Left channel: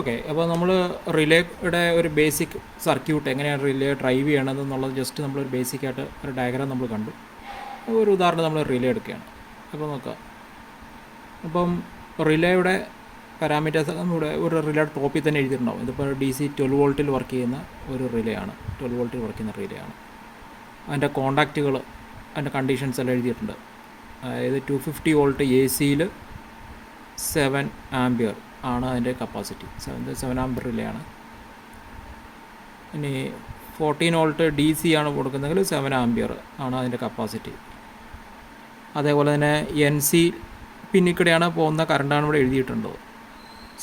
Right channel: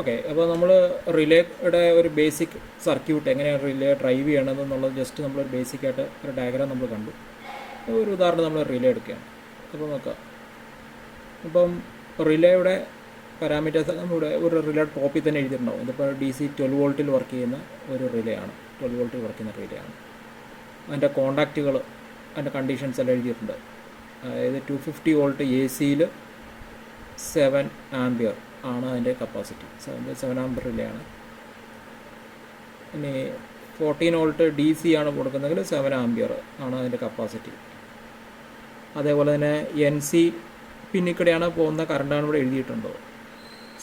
Okay, അപ്പോൾ നമ്മൾ റിലേയുടെ ഒരു ബേസിക് സർക്യൂട്ട് എങ്ങനെയാണ് റിലേ ഡ്രൈവ് ചെയ്യണമെന്നുള്ളത് ജസ്റ്റ് നമ്മളൊരു ബേസിക്കായിട്ട് ഒരു ഡയഗ്രാം നമ്മൾ കണ്ടു. ഒരു ഉദാഹരണം നമ്മൾ റിലേ എടുക്കുകയാണ്. അപ്പോൾ നോക്കുക, അപ്പം റിലേയുടെ പാരാമീറ്റേഴ്സ് നമ്മുടെ ഒരു റിലേ ടോപ്പിൽ തന്നെ എഴുതിയിട്ടുണ്ടാവും. ഇതിപ്പോൾ DC 12 വോൾട്ടിൽ വർക്ക് ചെയ്യുന്ന ഒരു റിലേ ആണ്, 12 വോൾട്ടിൽ വർക്ക് ചെയ്യുന്ന റിലേ ആണ്. അതിൻ്റെ കോണ്ടാക്റ്റുകൾ, അതിൻ്റെ കണ്ടീഷൻസ് എല്ലാം എഴുതിയിട്ടുണ്ട്. അതായത് 250 വോൾട്ട് AC-യിൽ 7 ആംപിയർ ആണ് അതിൻ്റെ കപ്പാസിറ്റി. 7 ആംപിയർ റിലേ ആണ്. ഇനി 14 വോൾട്ട് DC ആണ് കൊടുക്കുന്നതെങ്കിൽ 7 ആംപിയർ ആണ് അതിൻ്റെ കപ്പാസിറ്റി. അതേപോലെ തന്നെ NC പിന്നിക്കിടെയാണ് പോകുന്ന കറണ്ടാണ് ഇവിടെ എഴുതിയിട്ടുണ്ട്.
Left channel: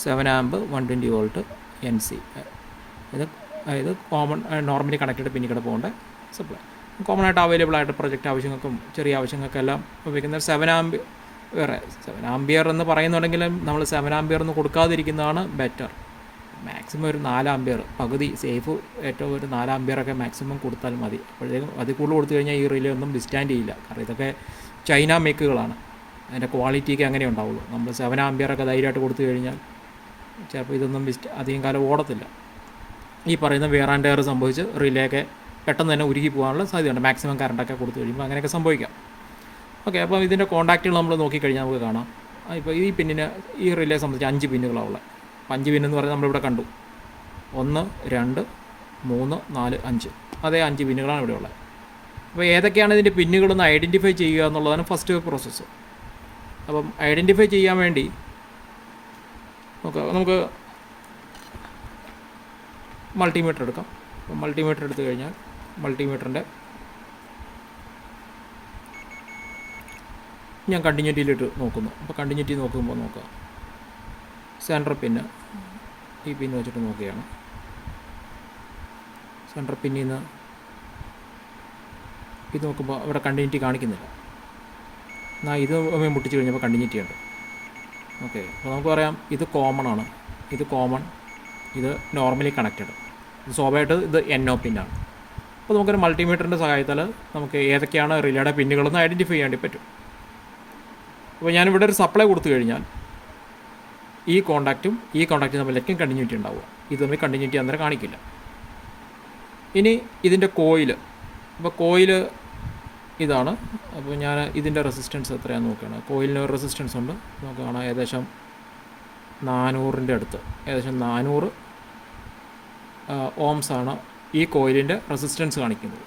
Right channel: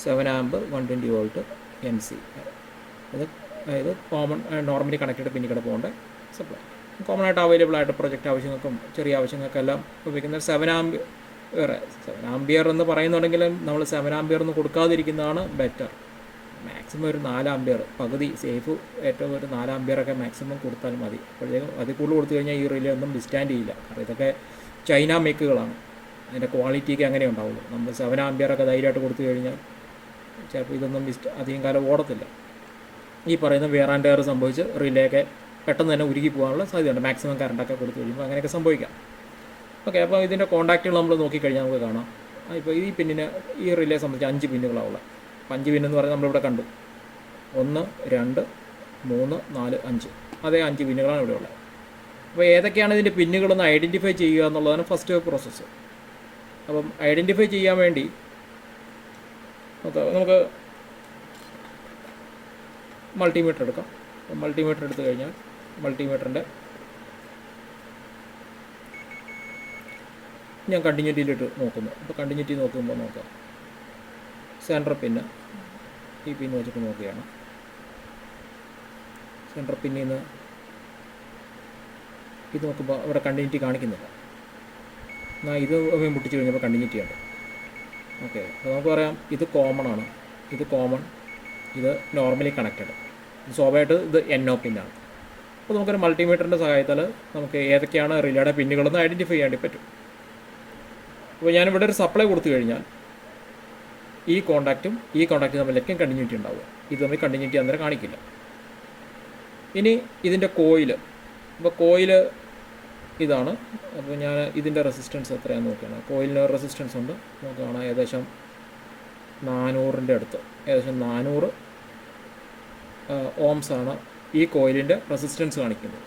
7 ആമ്പ് 120 വോൾട്ട് NC. അതായത് നോർമലി കണക്റ്റഡ് പിന്നിക്കിടെ പോകേണ്ട സപ്ലൈ. കോമൺ ആയിട്ട് അവൈലബിൾ ആയിട്ട് പ്രൊജക്റ്റ് ആവശ്യങ്ങൾക്കും ചെറിയ ആവശ്യങ്ങൾക്കെല്ലാം ഉപയോഗിക്കുന്ന 7 ആംപിയർ. 7 ആംപിയർ എന്ന് പറയുന്നുണ്ടെങ്കിലും നമ്മൾ 7 ആംപിയർ എന്ന് കൊടുക്കാതിരിക്കുന്നതാണ് ബെറ്റർ. മാക്സിമം ഒരു 4 ആംപിയർ, പകുതി സേഫ്, ഏറ്റവും ഒരു 4 ആംപിയറൊക്കെ മാക്സിമം കൊടുത്താൽ മതി. അപ്പോഴത്തേക്കും അതിൽ കൂടുതൽ കൊടുത്തു കഴിഞ്ഞാൽ ഈ റിലേ ഒന്നും വിസ്റ്റാൻഡ് ചെയ്യില്ല. കാരണം ഇതൊക്കെ ചൈന മേക്കുകളാണ്, അതിൻ്റെ ക്വാളിറ്റിക്ക് അങ്ങനെ ഉണ്ടാവുള്ളൂ. നമ്മൾ 7 ആംപിയറൊക്കെ ധൈര്യമായിട്ട് കൊടുത്തു കഴിഞ്ഞാൽ ചിലപ്പോൾ ഇതൊന്നും അധികം കാലം ഓടത്തില്ല. ഈ പറയുന്ന വെയർ ആൻഡ് ടയർ സംഭവിച്ച് റിലേക്ക് പെട്ടെന്ന് തന്നെ ഉരുകി പോകാനുള്ള സാധ്യതയുണ്ട്. മാക്സിമം കറണ്ടൊക്കെ കൊടുത്തു കഴിയുമ്പോൾ അങ്ങനെയൊക്കെ സംഭവിക്കാം. ഓക്കെ, അപ്പോൾ ഇതിൻ്റെ കോൺടാക്റ്റുകൾ നമ്മൾ നോക്കിക്കഴിഞ്ഞാൽ നമുക്ക് കാണാം. ഇപ്പോൾ ഈ പിന്നിന്, ഈ റിലേ സംബന്ധിച്ച് 5 പിന്നുകളാണ് ഉള്ളത്. 5 പിന്നെന്ന് പറഞ്ഞാൽ നമ്മളിവിടെ കണ്ടു, 1 2 3 4 5. അതേ 5 പിന്നുകളാണ് ഇവിടെ ഉള്ളത്. അപ്പോൾ ഏതൊക്കെയാണ് ഇതിൻ്റെ പിന്നുകളെന്ന് ഐഡൻറ്റിഫൈ ചെയ്യുക എന്നുള്ളതാണ് ഫസ്റ്റ് പ്രോസസ്സ്. അപ്പം ഐഡൻറ്റിഫൈ ചെയ്യാൻ വേണ്ടി നമുക്ക് മൾട്ടിമീറ്റർ എടുക്കാം. മൾട്ടിമീറ്റർ എടുത്തു കഴിഞ്ഞാൽ മൾട്ടിമീറ്ററിൻ്റെ ഞാൻ കണ്ടിന്യൂറ്റിയിലിട്ട് നോക്കുന്നു. അപ്പോൾ കണ്ടിന്യൂറ്റി നോക്കുമ്പോൾ നോക്കുക, സെൻറ്റർ പിന്ന് ഈ പിന്ന് വെച്ചിട്ട് നോക്കുകയാണ്. സെൻറ്റർ പിന്നിൽ നിന്ന് ഇത് നോക്കുമ്പോൾ അവിടെ കണ്ടിന്യൂറ്റി കാണിക്കുന്നില്ല. എന്നാൽ ഇത് മുട്ടിച്ച് കഴിഞ്ഞപ്പോൾ കണ്ടിന്യൂറ്റി ഉണ്ട്. ഓക്കെ, അപ്പോൾ നമുക്ക് പറയാം ഇത് കോമൺ ആണ്, ഇത് കോമൺ, ഇത് നോർമലി കണക്റ്റഡ്. സ്വാഭാവികമായിട്ട് ഇത് NO പിന്നാണ്. അപ്പോൾ നമുക്കൊരു മൾട്ടിമീറ്ററിൻ്റെ സഹായത്താൽ നമുക്ക് ഏതൊക്കെയാണ് റിലേയുടെ പിന്നുകളെന്ന് ഐഡൻറ്റിഫൈ ചെയ്യാൻ വേണ്ടി പറ്റും. അപ്പോൾ ഞാനിവിടെ ഒരു സപ്ലൈ കൊടുത്തു കഴിഞ്ഞാൽ ഈ കോണ്ടാക്റ്റും തമ്മിലേക്കും കണ്ടിന്യൂറ്റി ഉണ്ടാവുക. ഇത് തമ്മിൽ കണ്ടിന്യൂറ്റി അന്നേരം കാണിക്കില്ല. ഇനി ഇതിൻ്റെ കോയിൽ, അപ്പോൾ കോയിൽ ഇതാണ്. അപ്പോൾ ഞാൻ ഇതിൻ്റെ റെസിസ്റ്റൻസ് എത്രയാണെന്ന് നോക്കുകയാണ്. കോയിലിന് റെസിസ്റ്റൻസ് ഉണ്ട്, നമുക്ക് കാണാം ഏകദേശം 400-ൻ്റെ അടുത്ത്, ഏകദേശം 400 ഓംസ് ആണ് ഈ കോയിലിൻ്റെ റെസിസ്റ്റൻസ് കാണിക്കുന്നത്.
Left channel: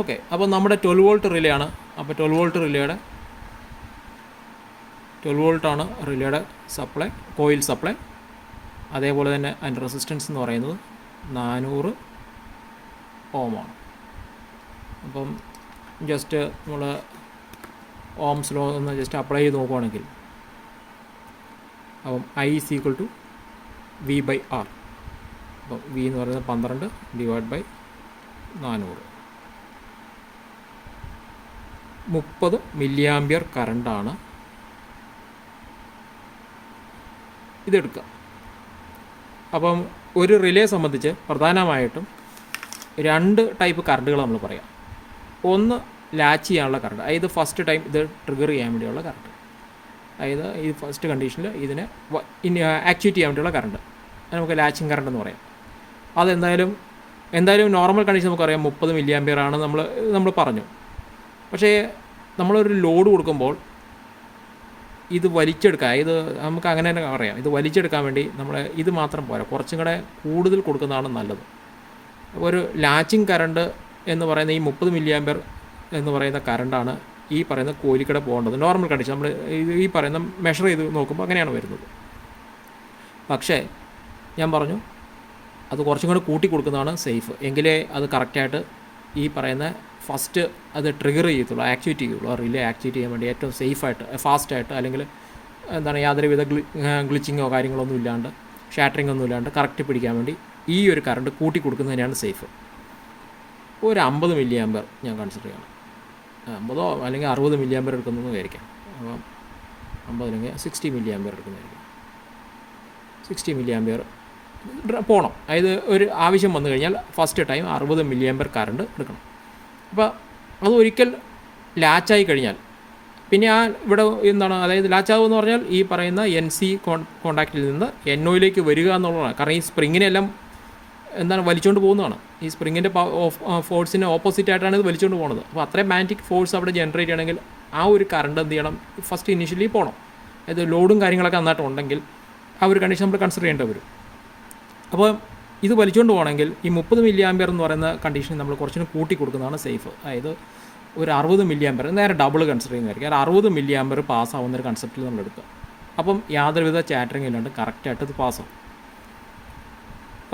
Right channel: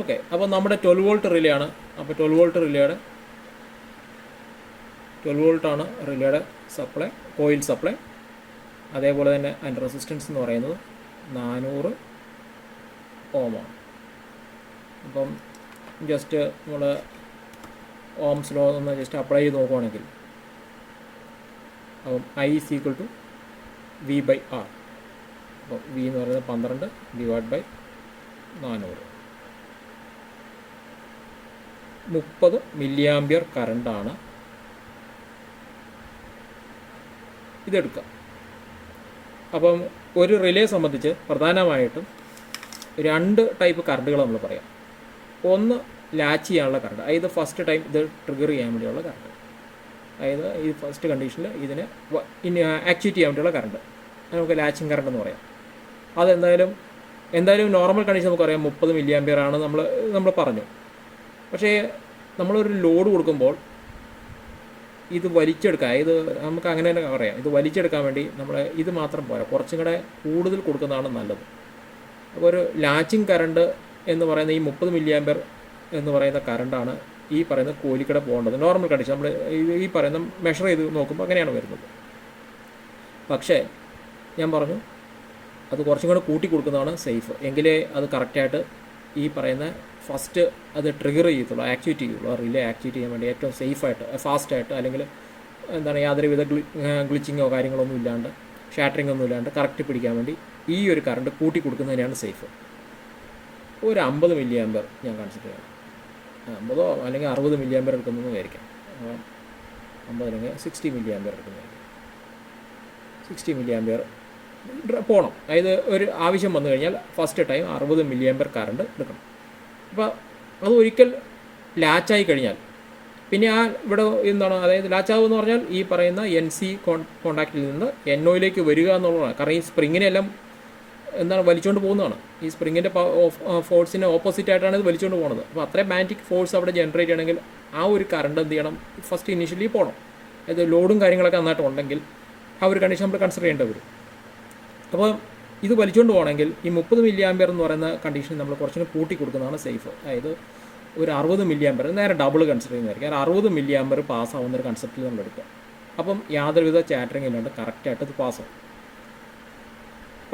ഓക്കെ, അപ്പോൾ നമ്മുടെ 12 വോൾട്ട് റിലേ ആണ്. അപ്പോൾ 12 വോൾട്ട് റിലേയുടെ 12 വോൾട്ടാണ് റിലേയുടെ സപ്ലൈ, കോയിൽ സപ്ലൈ. അതേപോലെ തന്നെ അതിൻ്റെ റെസിസ്റ്റൻസ് എന്ന് പറയുന്നത് 400 ഓമാണ്. അപ്പം ജസ്റ്റ് നമ്മൾ ഓംസ് ലോ ഒന്ന് ജസ്റ്റ് അപ്ലൈ ചെയ്ത് നോക്കുകയാണെങ്കിൽ അപ്പം I is equal to V/R. അപ്പോൾ V എന്ന് പറയുന്നത് 12 / 400, 30 മില്ലി ആംപിയർ കറണ്ടാണ് ഇതെടുക്കുക. അപ്പം ഒരു റിലേ സംബന്ധിച്ച് പ്രധാനമായിട്ടും 2 ടൈപ്പ് കറണ്ടുകൾ നമ്മൾ പറയാം. ഒന്ന് ലാച്ച് ചെയ്യാനുള്ള കറണ്ട്, അതായത് ഫസ്റ്റ് ടൈം ഇത് ട്രിഗർ ചെയ്യാൻ വേണ്ടിയുള്ള കറണ്ട്, അതായത് ഈ ഫസ്റ്റ് കണ്ടീഷനിൽ ഇതിനെ ആക്ച്വേറ്റ് ചെയ്യാൻ വേണ്ടിയുള്ള കറണ്ട്, നമുക്ക് ലാച്ചിങ് കറണ്ട് എന്ന് പറയാം. എന്തായാലും നോർമൽ കണ്ടീഷൻ നമുക്കറിയാം 30 മില്ലി ആംപിയർ ആണ് നമ്മൾ പറഞ്ഞു. പക്ഷേ നമ്മളൊരു ലോഡ് കൊടുക്കുമ്പോൾ ഇത് വലിച്ചെടുക്കുക, ഇത് നമുക്ക് അങ്ങനെ തന്നെ പറയാം, ഇത് വലിച്ചെടുക്കാൻ വേണ്ടി നമ്മൾ ഇത് മാത്രം പോരാ, കുറച്ചും കൂടെ കൂടുതൽ കൊടുക്കുന്നതാണ് നല്ലത്. അപ്പോൾ ഒരു ലാച്ചിങ് കറണ്ട് എന്ന് പറയുന്ന ഈ 30 മില്ലി ആംപിയർ എന്ന് പറയുന്ന കറണ്ടാണ് ഈ പറയുന്ന കോയിലിക്കടെ പോകേണ്ടത്. നോർമൽ കണ്ടീഷൻ നമ്മൾ ഈ പറയുന്ന മെഷർ ചെയ്ത് നോക്കുമ്പോൾ അങ്ങനെയാണ് വരുന്നത്. പക്ഷേ ഞാൻ പറഞ്ഞു അത് കുറച്ചും കൂടെ കൂട്ടി കൊടുക്കുന്നതാണ് സേഫ്. എങ്കിലേ അത് കറക്റ്റായിട്ട് ഈ പറയുന്ന ഫസ്റ്റ് അത് ട്രിഗർ ചെയ്യത്തുള്ളൂ, ആക്ടിവേറ്റ് ചെയ്യുള്ളൂ. റിലേ ആക്ടിവേറ്റ് ചെയ്യാൻ വേണ്ടി ഏറ്റവും സേഫായിട്ട്, ഫാസ്റ്റായിട്ട്, അല്ലെങ്കിൽ എന്താണ് യാതൊരുവിധ ഗ്ലിച്ചിങ്ങോ കാര്യങ്ങളൊന്നും ഇല്ലാണ്ട്, ഷാറ്ററിംഗ് ഒന്നും ഇല്ലാണ്ട് കറക്റ്റ് പിടിക്കാൻ വേണ്ടി ഈ ഒരു കറണ്ട് കൂട്ടി കൊടുക്കുന്നതിനാണ് സേഫ്. ഒരു 50 മില്ലി ആംപിയർ ഞാൻ കൺസിഡർ ചെയ്യണം. 50 അല്ലെങ്കിൽ 60 മില്ലി ആംപിയർ എടുക്കുന്നതെന്ന് വിചാരിക്കാം. അപ്പോൾ 50 അല്ലെങ്കിൽ 60 മില്ലി ആംപിയർ എടുക്കുന്നതായിരിക്കും. 60 മില്ലി ആംപിയർ പോകണം. അതായത് ഒരു ആവശ്യം വന്നു കഴിഞ്ഞാൽ first time 60 milli ampere current എടുക്കണം. അപ്പോൾ അത് ഒരിക്കൽ ലാച്ചായി കഴിഞ്ഞാൽ പിന്നെ ഇവിടെ എന്താണ്, അതായത് ലാച്ചാവ് എന്ന് പറഞ്ഞാൽ ഈ പറയുന്ന NC കോണ്ടാക്റ്റിൽ നിന്ന് NOയിലേക്ക് വരിക എന്നുള്ളതാണ്. കാരണം ഈ സ്പ്രിങ്ങിനെല്ലാം എന്താണ് വലിച്ചുകൊണ്ട് പോകുന്നതാണ്. ഈ സ്പ്രിങ്ങിൻ്റെ ഫോഴ്സിന് ഓപ്പോസിറ്റ് ആയിട്ടാണ് ഇത് വലിച്ചുകൊണ്ട് പോകുന്നത്. അപ്പോൾ അത്രയും മാഗ്നറ്റിക് ഫോഴ്സ് അവിടെ ജനറേറ്റ് ചെയ്യണമെങ്കിൽ ആ ഒരു കറണ്ട് എന്ത് ചെയ്യണം, ഫസ്റ്റ് ഇനീഷ്യലി പോകണം. അതായത് ലോഡും കാര്യങ്ങളൊക്കെ നന്നായിട്ട് ഉണ്ടെങ്കിൽ ആ ഒരു കണ്ടീഷൻ നമ്മൾ കൺസിഡർ ചെയ്യേണ്ടി വരും. അപ്പോൾ ഇത് വലിച്ചുകൊണ്ട് പോകണമെങ്കിൽ ഈ 30 മില്ലി ആമ്പിയർ എന്ന് പറയുന്ന കണ്ടീഷൻ നമ്മൾ കുറച്ചുകൂടി കൂട്ടി കൊടുക്കുന്നതാണ് സേഫ്. അതായത് ഒരു 60 മില്ലി ആമ്പിയർ, നേരെ ഡബിൾ കൺസിഡർ ചെയ്യുന്നതായിരിക്കും. കാരണം 60 മില്ലി ആമ്പിയർ പാസ്സാവുന്ന ഒരു കൺസെപ്റ്റിൽ നമ്മൾ എടുക്കുക. അപ്പം യാതൊരുവിധ ചാറ്ററിങ് ഇല്ലാണ്ട് കറക്റ്റായിട്ട് ഇത് പാസ്സാവും.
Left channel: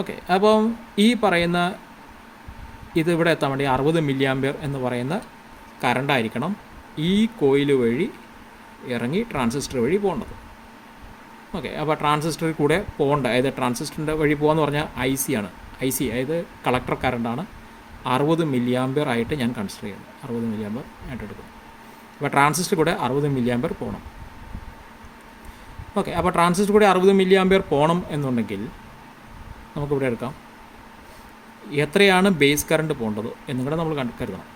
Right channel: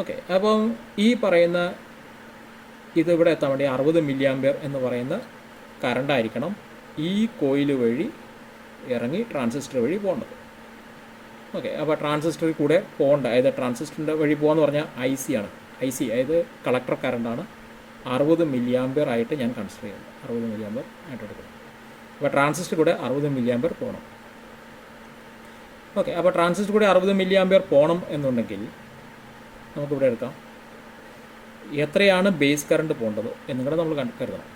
ഓക്കെ, അപ്പം ഈ പറയുന്ന ഇത് ഇവിടെ എത്താൻ വേണ്ടി 60 മില്ലി ആമ്പിയർ എന്ന് പറയുന്ന കറണ്ടായിരിക്കണം ഈ കോയിൽ വഴി ഇറങ്ങി ട്രാൻസിസ്റ്റർ വഴി പോകേണ്ടത്. ഓക്കെ, അപ്പോൾ ട്രാൻസിസ്റ്ററിൽ കൂടെ പോകേണ്ട, അതായത് ട്രാൻസിസ്റ്ററിൻ്റെ വഴി പോകാമെന്ന് പറഞ്ഞാൽ IC ആണ്. IC അതായത് കളക്ടർ കറണ്ടാണ്. 60 മില്ലി ആമ്പിയർ ആയിട്ട് ഞാൻ കൺസിഡർ ചെയ്യണം. 60 മില്ലി ആമ്പിയർ ആയിട്ട് എടുക്കണം. അപ്പോൾ ട്രാൻസിസ്റ്റർ കൂടെ 60 മില്ലി ആമ്പിയർ പോകണം. ഓക്കെ, അപ്പോൾ ട്രാൻസിസ്റ്റർ കൂടെ 60 മില്ലി ആമ്പിയർ പോകണം എന്നുണ്ടെങ്കിൽ നമുക്കിവിടെ എടുക്കാം എത്രയാണ് ബേസ് കറണ്ട് പോകേണ്ടത് എന്നും കൂടെ നമ്മൾ കരുതണം.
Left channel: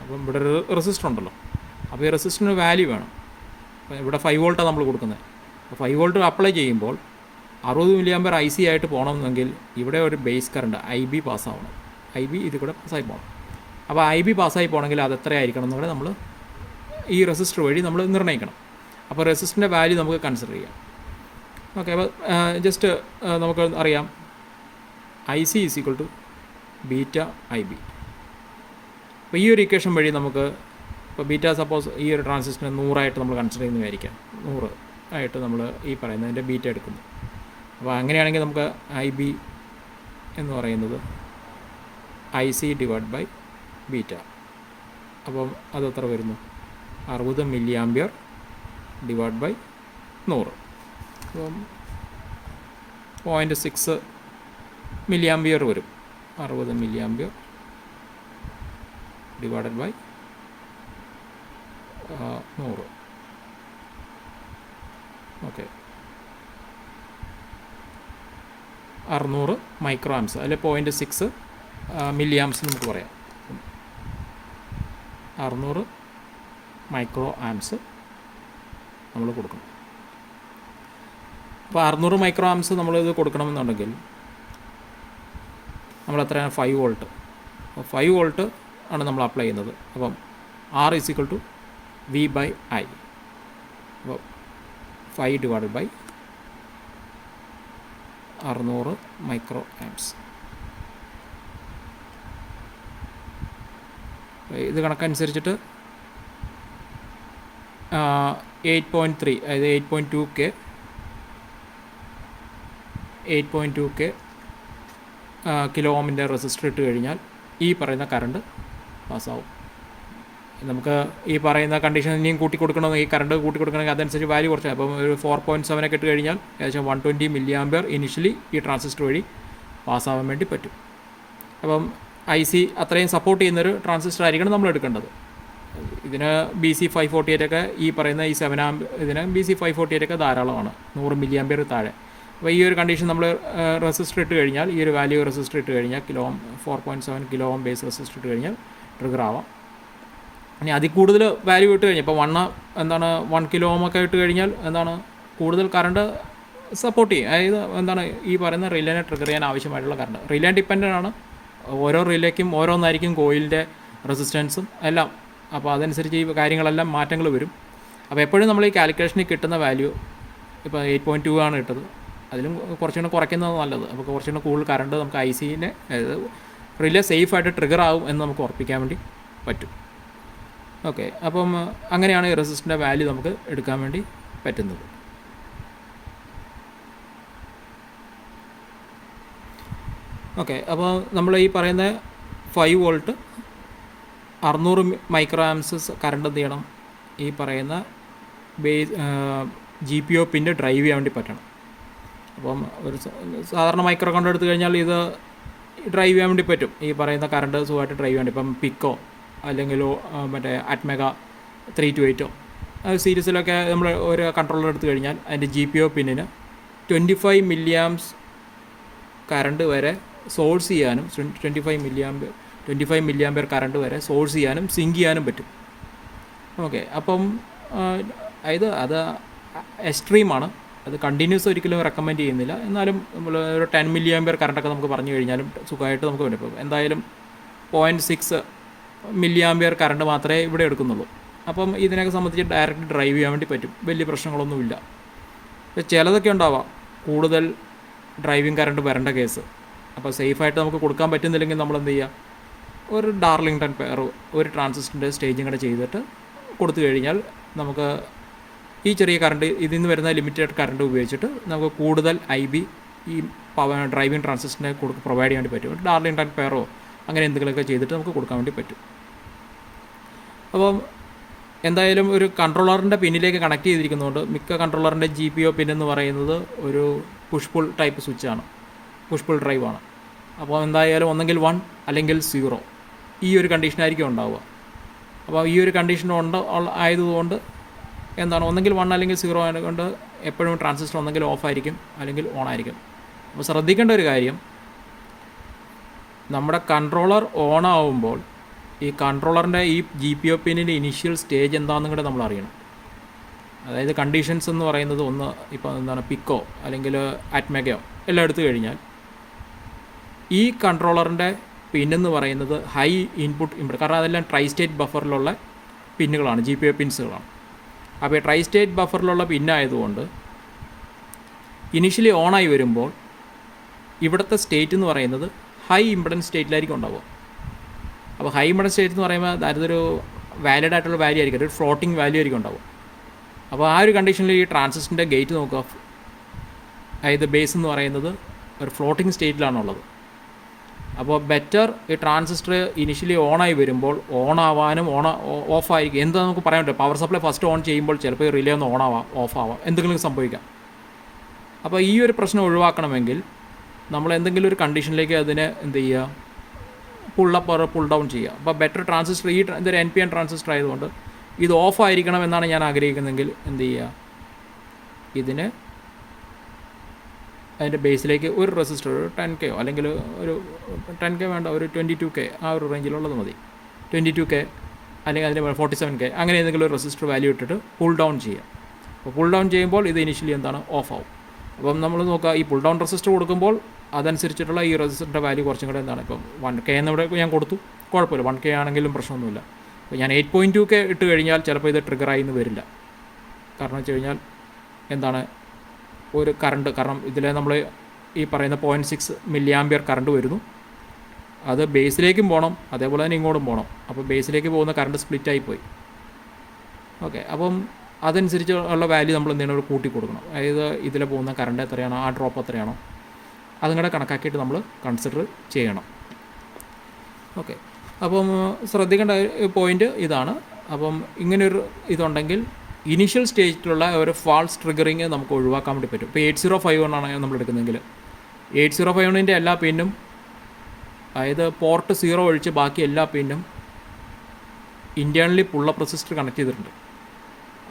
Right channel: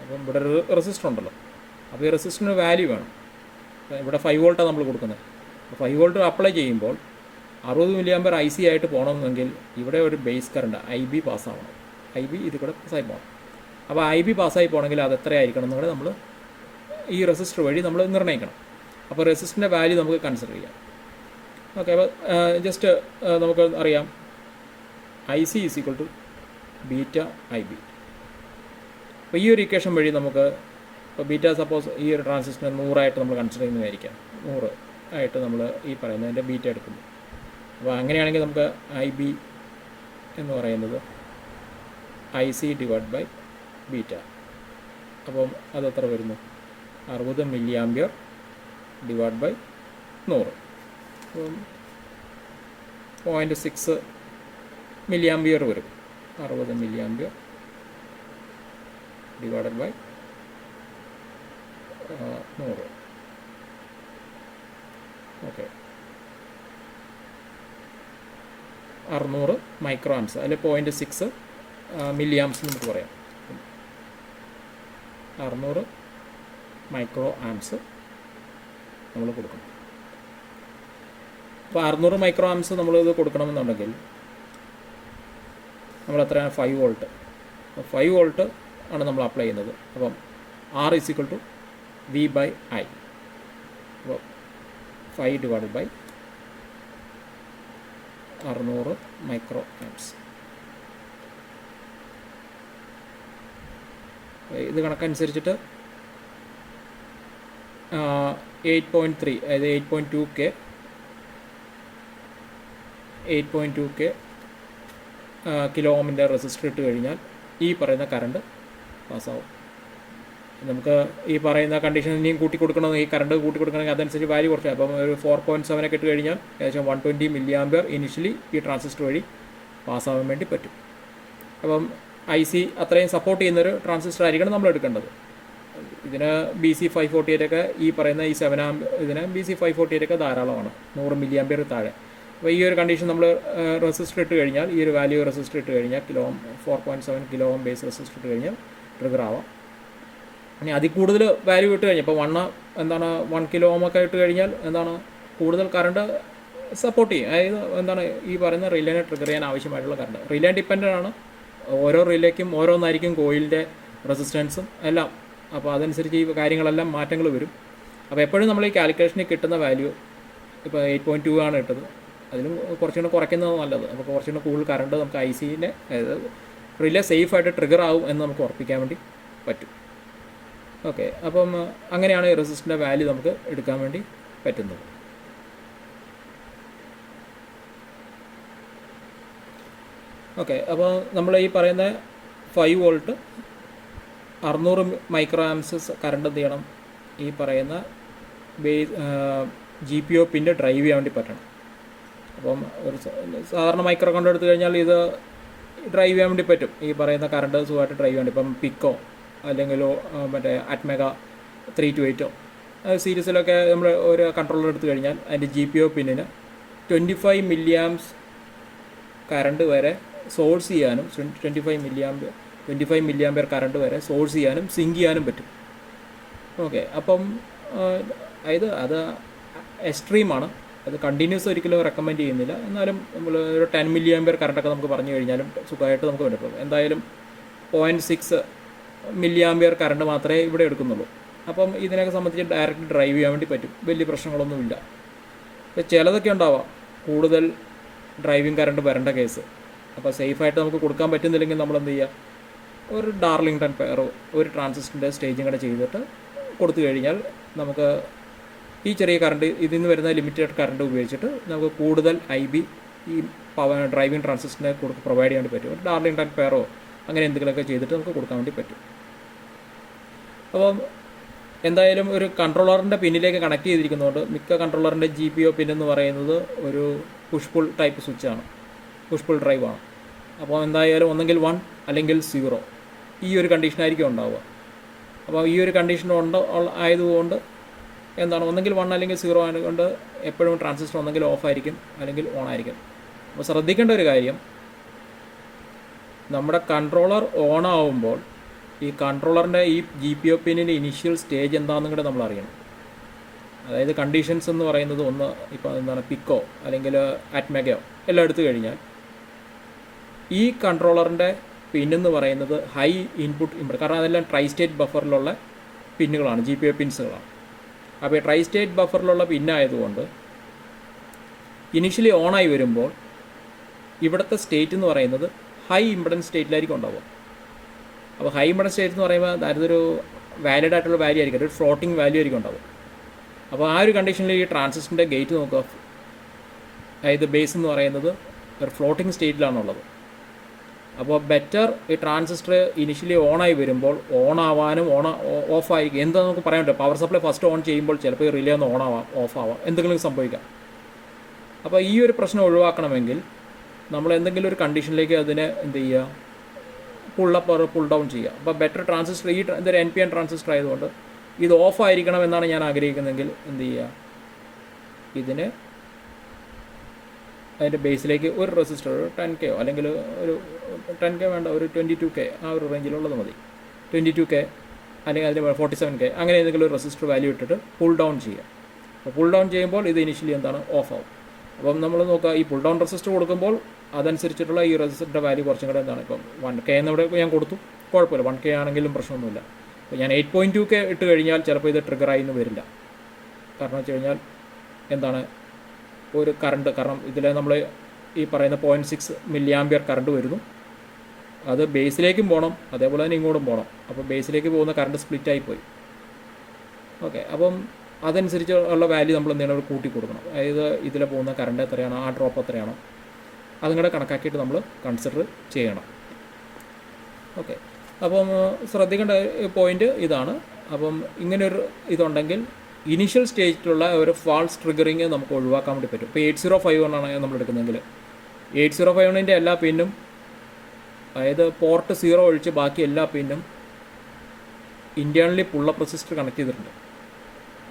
അപ്പം ഇവിടെ ഒരു റെസിസ്റ്റർ ഉണ്ടല്ലോ, അപ്പോൾ ഈ റെസിസ്റ്ററിന് വാല്യൂ വേണം. അപ്പോൾ ഇവിടെ 5 വോൾട്ടാണ് നമ്മൾ കൊടുക്കുന്നത്. അപ്പോൾ 5 വോൾട്ട് അപ്ലൈ ചെയ്യുമ്പോൾ 60 മില്ലി ആമ്പിയർ IC ആയിട്ട് പോകണമെന്നെങ്കിൽ ഇവിടെ ഒരു ബേസ് കറണ്ട് IB പാസ്സാവണം. IB ഇത് കൂടെ പാസ്സായി പോകണം. അപ്പോൾ IB പാസ്സായി പോകണമെങ്കിൽ അത് എത്രയായിരിക്കണം എന്നുകൂടെ നമ്മൾ ഈ റെസിസ്റ്റർ വഴി നമ്മൾ നിർണ്ണയിക്കണം. അപ്പോൾ റെസിസ്റ്ററിൻ്റെ വാല്യൂ നമുക്ക് കൺസിഡർ ചെയ്യാം. ഓക്കെ, അപ്പോൾ ജസ്റ്റ് നമുക്ക് അറിയാം IC = ബീറ്റ IB. അപ്പോൾ ഈ ഒരു ഇക്വേഷൻ വഴി നമുക്ക് ഇപ്പോൾ ബീറ്റ സപ്പോസ് ഈ ഒരു ട്രാൻസിസ്റ്ററിനെ 100 ആയിട്ട് നമ്മൾ കൺസിഡർ ചെയ്യുന്നതായിരിക്കാം. 100 ആയിട്ട് നമ്മൾ ഈ പറയുന്നതിൻ്റെ ബീറ്റ എടുക്കുന്നു. അപ്പോൾ അങ്ങനെയാണെങ്കിൽ നമുക്ക് IB എന്ന് പറയുന്നത് IC / ബീറ്റ. അപ്പം അതെത്ര വരുന്നു? 60 മില്ലി ആമ്പിയർ / 100. അപ്പം 0.6 മില്ലി ആമ്പിയർ വരും. 60 milli ampere / 100. Okay, 600 micro arms, അല്ലെങ്കിൽ 0.6 മില്ലി ആംസ് നമുക്ക് പറയാം. 600 മൈക്രോ ആംസ് നമ്മൾ കൊടുക്കണം. അപ്പോൾ 600 മൈക്രോ ആംസ് നമ്മളിത് കൊടുക്കണമെന്നുണ്ടെങ്കിൽ നമ്മൾ എത്രയാണ്? 5 വോൾട്ട്. അപ്പോൾ 5 വോൾട്ട് ആണ് നമ്മൾ അപ്ലൈ ചെയ്യുന്നത്. അപ്പം R = V/I. അപ്പോൾ 5 / 600 മൈക്രോ ആംസ്. ഇത് കണക്കനുസരിച്ചിട്ട് 8.3, അതായത് 8.2K കിലോ ഓമിൻ്റെ റെസിസ്റ്റർ ഇട്ട് കഴിഞ്ഞാൽ ഈ പറയുന്ന കറണ്ട് പാസ്സാവും. നമുക്ക് ഈ പറയുന്ന കണ്ടീഷൻ ഇനിയും കൂട്ടി കൊടുക്കണമെന്ന്, ഈ കറണ്ട് കൂട്ടി കൊടുക്കണമെങ്കിൽ അതനുസരിച്ച് വാല്യൂ കുറച്ച്, അപ്പം ഒരു 4.7 ഒക്കെ ഇട്ട് കഴിഞ്ഞാൽ ഏകദേശം 120 മില്ലി ആമ്പിയർ ഇനിഷ്യലി ഈ ട്രാൻസിസ്റ്റർ വഴി പാസ്സാവാൻ വേണ്ടി പറ്റും. അപ്പം IC അത്രയും സപ്പോർട്ട് ചെയ്യുന്നൊരു ട്രാൻസിസ്റ്റർ ആയിരിക്കണം നമ്മൾ എടുക്കേണ്ടത്. ഇതിന് BC548 ഒക്കെ ഈ പറയുന്ന ഈ 7 ആമ്പ് ഇതിന് BC548 ഒക്കെ ധാരാളമാണ്, 100 മില്ലി ആമ്പിയർ താഴെ. അപ്പോൾ ഈ ഒരു കണ്ടീഷൻ നമ്മൾ റെസിസ്റ്റർ ഇട്ട് കഴിഞ്ഞാൽ, ഈ ഒരു വാല്യൂ റെസിസ്റ്റർ ഇട്ട് കഴിഞ്ഞാൽ 4.7 കിലോ ഓം ബേസ് റെസിസ്റ്റർ ഇട്ട് കഴിഞ്ഞാൽ ട്രിഗർ ആവാം. ഇനി അതിൽ കൂടുതൽ വാല്യൂ ഇട്ട് കഴിഞ്ഞാൽ ഇപ്പോൾ 1 കിലോ ഓം ഒക്കെ ഇട്ട് കഴിഞ്ഞാൽ എന്താണ് കൂടുതൽ കറണ്ട് സപ്പോർട്ട് ചെയ്യും. അതായത് എന്താണ് ഈ പറയുന്ന റിലേനെ ട്രിഗർ ചെയ്യാൻ ആവശ്യമായിട്ടുള്ള കറണ്ട്. റിലേ ഡിപ്പെൻഡൻ്റ് ആണ്, ഓരോ റിലേക്കും ഓരോന്നായിരിക്കും കോയിലിൻ്റെ റെസിസ്റ്റൻസും എല്ലാം. അപ്പോൾ അതനുസരിച്ച് ഈ കാര്യങ്ങളെല്ലാം മാറ്റങ്ങൾ വരും. അപ്പോൾ എപ്പോഴും നമ്മൾ ഈ കാൽക്കുലേഷനിൽ കിട്ടുന്ന വാല്യൂ ഇപ്പോൾ 8.2 ആണ് ഇട്ടത്, അതിലും കുറച്ചുകൂടെ കുറയ്ക്കുന്നത് നല്ലത്. അപ്പോൾ കുറച്ചുകൂടെ കൂടുതൽ കറണ്ട് നമുക്ക് ICനെ, അതായത് റിലേ സേഫായിട്ട് ട്രിഗർ ആകും എന്ന് നമുക്ക് ഉറപ്പിക്കാൻ വേണ്ടി പറ്റും. ഓക്കെ, അപ്പം അങ്ങനെയാണ് ഈ റെസിസ്റ്ററിൻ്റെ വാല്യൂ നമുക്ക് എടുക്കാൻ വേണ്ടി പറ്റുന്നത്. ഓക്കെ, അപ്പോൾ നമ്മൾ ഈ പറയുന്ന 5 വോൾട്ട് 600 മൈക്രോ ആംസസ് കറണ്ട് എന്ത് ചെയ്യണം, ഈ പറയുന്ന GPO പിൻ്റെ ഡ്രൈവ് ചെയ്യാൻ വേണ്ടി പറ്റണം. അപ്പം ഒരു സാധാരണ മൈക്രോ കറണ്ട് എടുത്തു കഴിഞ്ഞാൽ ഇത് ഡ്രൈവ് ചെയ്യാൻ വേണ്ടി പറ്റും. ഈ പറയുന്ന കറണ്ട് സുഖമായിട്ട് ഡ്രൈവ് ചെയ്യാൻ വേണ്ടി, ഇപ്പം പിക്കോ അല്ലെങ്കിൽ മറ്റേ അറ്റ്മെഗ 328 സീരീസിലൊക്കെ നമ്മൾ ഒരു കൺട്രോളർ എടുത്തു കഴിഞ്ഞാൽ അതിൻ്റെ GPO പിന്നിന് 25 മില്ലി ആംസ് കറണ്ട് വരെ സോഴ്സ് ചെയ്യാനും, 25 മില്ലി ആമ്പിയർ കറണ്ട് വരെ സോഴ്സ് ചെയ്യാനും സിങ്ക് ചെയ്യാനും പറ്റും. ഓക്കെ. അപ്പം അത് എക്സ്ട്രീമാണ്. അത് കണ്ടിന്യൂസ് ഒരിക്കലും റെക്കമെൻഡ് ചെയ്യുന്നില്ല. എന്നാലും നമ്മൾ ഒരു 10 മില്ലി ആമ്പിയർ കറണ്ടൊക്കെ നമുക്ക് പറഞ്ഞു കഴിഞ്ഞാലും സുഖമായിട്ട് നമുക്ക് വേണ്ടി പോകും. എന്തായാലും 0.6 മില്ലി ആമ്പിയർ കറണ്ട് മാത്രമേ ഇവിടെ എടുക്കുന്നുള്ളൂ. അപ്പം ഇതിനൊക്കെ സംബന്ധിച്ച് ഡയറക്റ്റ് ഡ്രൈവ് ചെയ്യാൻ വേണ്ടി പറ്റും. വലിയ പ്രശ്നങ്ങളൊന്നുമില്ല. ചിലതൊക്കെ ഉണ്ടാവാം കൂടുതൽ ഡ്രൈവിംഗ് കറണ്ട് വരേണ്ട കേസ്. അപ്പോൾ സേഫായിട്ട് നമുക്ക് കൊടുക്കാൻ പറ്റുന്നില്ലെങ്കിൽ നമ്മൾ എന്ത് ചെയ്യുക, ഒരു ഡാർലിംഗ്ടൺ പെയർ ഒരു ട്രാൻസിസ്റ്ററിൻ്റെ സ്റ്റേജിങ് കൂടെ ചെയ്തിട്ട് കൊടുത്തു കഴിഞ്ഞാൽ നമുക്ക് ഈ ചെറിയ കറണ്ട് ഇതിൽ നിന്ന് വരുന്ന ലിമിറ്റഡ് കറണ്ട് ഉപയോഗിച്ചിട്ട് നമുക്ക് കൂടുതൽ IB ഈ ഡ്രൈവിംഗ് ട്രാൻസിസ്റ്ററിനെ പ്രൊവൈഡ് ചെയ്യാൻ വേണ്ടി പറ്റും. ഒരു ഡാർലിംഗ്ടൺ പെയറോ അങ്ങനെ എന്തെങ്കിലുമൊക്കെ ചെയ്തിട്ട് നമുക്ക് കൊടുക്കാൻ വേണ്ടി പറ്റും. അപ്പം എന്തായാലും ഒരു കൺട്രോളറിൻ്റെ പിന്നിലേക്ക് കണക്ട് ചെയ്തിരിക്കുന്നതുകൊണ്ട് മിക്ക കൺട്രോളറിൻ്റെ GPO പിൻ എന്ന് പറയുന്നത് ഒരു പുഷ് പുൾ ടൈപ്പ് സ്വിച്ചാണ്, പുഷ് പുൾ ഡ്രൈവാണ്. അപ്പോൾ എന്തായാലും ഒന്നെങ്കിൽ 1 അല്ലെങ്കിൽ 0 ഈ ഒരു കണ്ടീഷനായിരിക്കും ഉണ്ടാവുക. അപ്പോൾ ഈ ഒരു കണ്ടീഷൻ ആയതുകൊണ്ട് എന്താണ്, ഒന്നെങ്കിൽ 1 അല്ലെങ്കിൽ 0 ആയതുകൊണ്ട് എപ്പോഴും ട്രാൻസിസ്റ്റർ ഒന്നെങ്കിൽ ഓഫ് ആയിരിക്കും അല്ലെങ്കിൽ ഓൺ ആയിരിക്കും. അപ്പോൾ ശ്രദ്ധിക്കേണ്ട ഒരു കാര്യം, നമ്മുടെ കൺട്രോളർ ഓൺ ആവുമ്പോൾ ഈ കൺട്രോളറിൻ്റെ ഈ GPO പിന്നിൻ്റെ ഇനീഷ്യൽ സ്റ്റേജ് എന്താണെന്നും കൂടെ നമ്മൾ അറിയണം. അതായത് കണ്ടീഷൻസ് എന്ന് പറയുന്നത് ഒന്ന് ഇപ്പോൾ എന്താണ് പിക്കോ അല്ലെങ്കിൽ അറ്റ്മെഗയോ എല്ലാം എടുത്തു കഴിഞ്ഞാൽ ഈ കൺട്രോളറിൻ്റെ പിന്നെന്ന് പറയുന്നത് ഹൈ ഇൻപുട്ട് ഇൻപുട്ട്, കാരണം അതെല്ലാം ട്രൈ സ്റ്റേറ്റ് ബഫറിലുള്ള പിന്നുകളാണ്, GPO പിൻസുകളാണ്. അപ്പോൾ ഈ ട്രൈ സ്റ്റേറ്റ് ബഫറിലുള്ള പിന്നായതുകൊണ്ട് ഇനിഷ്യലി ഓണായി വരുമ്പോൾ ഇവിടുത്തെ സ്റ്റേറ്റ് എന്ന് പറയുന്നത് ഹൈ ഇമ്പിഡൻസ് സ്റ്റേറ്റിലായിരിക്കും ഉണ്ടാവുക. അപ്പോൾ ഹൈ ഇമ്പിഡൻസ് സ്റ്റേറ്റ് എന്ന് പറയുമ്പോൾ അതൊരു വാലിഡ് ആയിട്ടുള്ള വാല്യൂ ആയിരിക്കും, ഒരു ഫ്ലോട്ടിംഗ് വാല്യൂ ആയിരിക്കും ഉണ്ടാവും. അപ്പോൾ ആ ഒരു കണ്ടീഷനിൽ ഈ ട്രാൻസിസ്റ്ററിൻ്റെ ഗേറ്റ് നോക്കുക, അതായത് ബേസ് എന്ന് പറയുന്നത് ഒരു ഫ്ലോട്ടിംഗ് സ്റ്റേറ്റിലാണുള്ളത്. അപ്പോൾ ബെറ്റർ ഈ ട്രാൻസിസ്റ്റർ ഇനിഷ്യലി ഓണായി വരുമ്പോൾ ഓൺ ആവാനും ഓഫ് ആയിരിക്കും. എന്താ നമുക്ക് പറയാൻ പറ്റില്ല, പവർ സപ്ലൈ ഫസ്റ്റ് ഓൺ ചെയ്യുമ്പോൾ ചിലപ്പോൾ റിലേ ഒന്ന് ഓൺ ആവാം, ഓഫ് ആവാം, എന്തെങ്കിലും സംഭവിക്കാം. അപ്പോൾ ഈ ഒരു പ്രശ്നം ഒഴിവാക്കണമെങ്കിൽ നമ്മൾ എന്തെങ്കിലും ഒരു കണ്ടീഷനിലേക്ക് അതിനെ എന്ത് ചെയ്യുക, പുൾ ഡൗൺ ചെയ്യുക. അപ്പോൾ ബെറ്റർ ട്രാൻസിസ്റ്റർ ഇതൊരു NPN ട്രാൻസിസ്റ്റർ ആയതുകൊണ്ട് ഇത് ഓഫ് ആയിരിക്കണം എന്നാണ് ഞാൻ ആഗ്രഹിക്കുന്നതെങ്കിൽ എന്ത് ചെയ്യുക, ഇതിന് അതിൻ്റെ ബേസിലേക്ക് ഒരു റെസിസ്റ്റർ, ഒരു 10K അല്ലെങ്കിൽ ഒരു 10K വേണ്ട, ഒരു 22K ആ ഒരു റേഞ്ചിലുള്ളത് മതി, 22K അല്ലെങ്കിൽ അതിന് 47K അങ്ങനെ ഏതെങ്കിലും ഒരു റെസിസ്റ്റർ വാല്യൂ ഇട്ടിട്ട് പുൾ ഡൗൺ ചെയ്യുക. അപ്പോൾ പുൾ ഡൗൺ ചെയ്യുമ്പോൾ ഇത് ഇനിഷ്യലി എന്താണ്, ഓഫ് ആവും. അപ്പം നമ്മൾ നോക്കുക, ഈ പുൾ ഡൗൺ റെസിസ്റ്റർ കൊടുക്കുമ്പോൾ അതനുസരിച്ചിട്ടുള്ള ഈ റെസിസ്റ്ററിൻ്റെ വാല്യൂ കുറച്ചും കൂടെ എന്താണ്, ഇപ്പം 1K എന്നിവിടെ ഞാൻ കൊടുത്തു, കുഴപ്പമില്ല, 1K ആണെങ്കിലും പ്രശ്നമൊന്നുമില്ല. അപ്പോൾ ഞാൻ 8.2K ഇട്ട് കഴിഞ്ഞാൽ ചിലപ്പോൾ ഇത് ട്രിഗറായി എന്ന് വരില്ല. കാരണം വെച്ച് കഴിഞ്ഞാൽ എന്താണ്, ഒരു കറണ്ട്, കാരണം ഇതിൽ നമ്മൾ ഈ പറയുന്ന 0.6 മില്ലി ആമ്പിയർ കറണ്ട് വരുന്നു, അത് ബേസിലേക്കും പോകണം അതേപോലെ തന്നെ ഇങ്ങോട്ടും പോകണം. അപ്പോൾ ബേസിലേക്ക് പോകുന്ന കറണ്ട് സ്പ്ലിറ്റായി പോയി. ഓക്കെ, അപ്പം അതനുസരിച്ച് ഉള്ള വാല്യൂ നമ്മൾ എന്തെങ്കിലും കൂട്ടി കൊടുക്കണം. അതായത് ഇതിൽ പോകുന്ന കറണ്ട് എത്രയാണോ, ആ ഡ്രോപ്പ് എത്രയാണോ അതും കൂടെ കണക്കാക്കിയിട്ട് നമ്മൾ കൺസിഡർ ചെയ്യണം. ഓക്കെ, അപ്പം ശ്രദ്ധിക്കേണ്ട പോയിൻ്റ് ഇതാണ്. അപ്പം ഇങ്ങനൊരു ഇതുണ്ടെങ്കിൽ ഇനീഷ്യൽ സ്റ്റേജിലുള്ള ഒരു ഫാൾസ് ട്രിഗറിങ് നമുക്ക് ഒഴിവാക്കാൻ വേണ്ടി പറ്റും. ഇപ്പോൾ 8051 ആണ് നമ്മൾ എടുക്കുന്നതെങ്കിൽ 8051ൻ്റെ എല്ലാ പിന്നും, അതായത് പോർട്ട് 0 ഒഴിച്ച് ബാക്കി എല്ലാ പിന്നും ഇൻറ്റേർണലി പുള്ളപ്പ് റെസിസ്റ്റർ കണക്ട് ചെയ്തിട്ടുണ്ട്.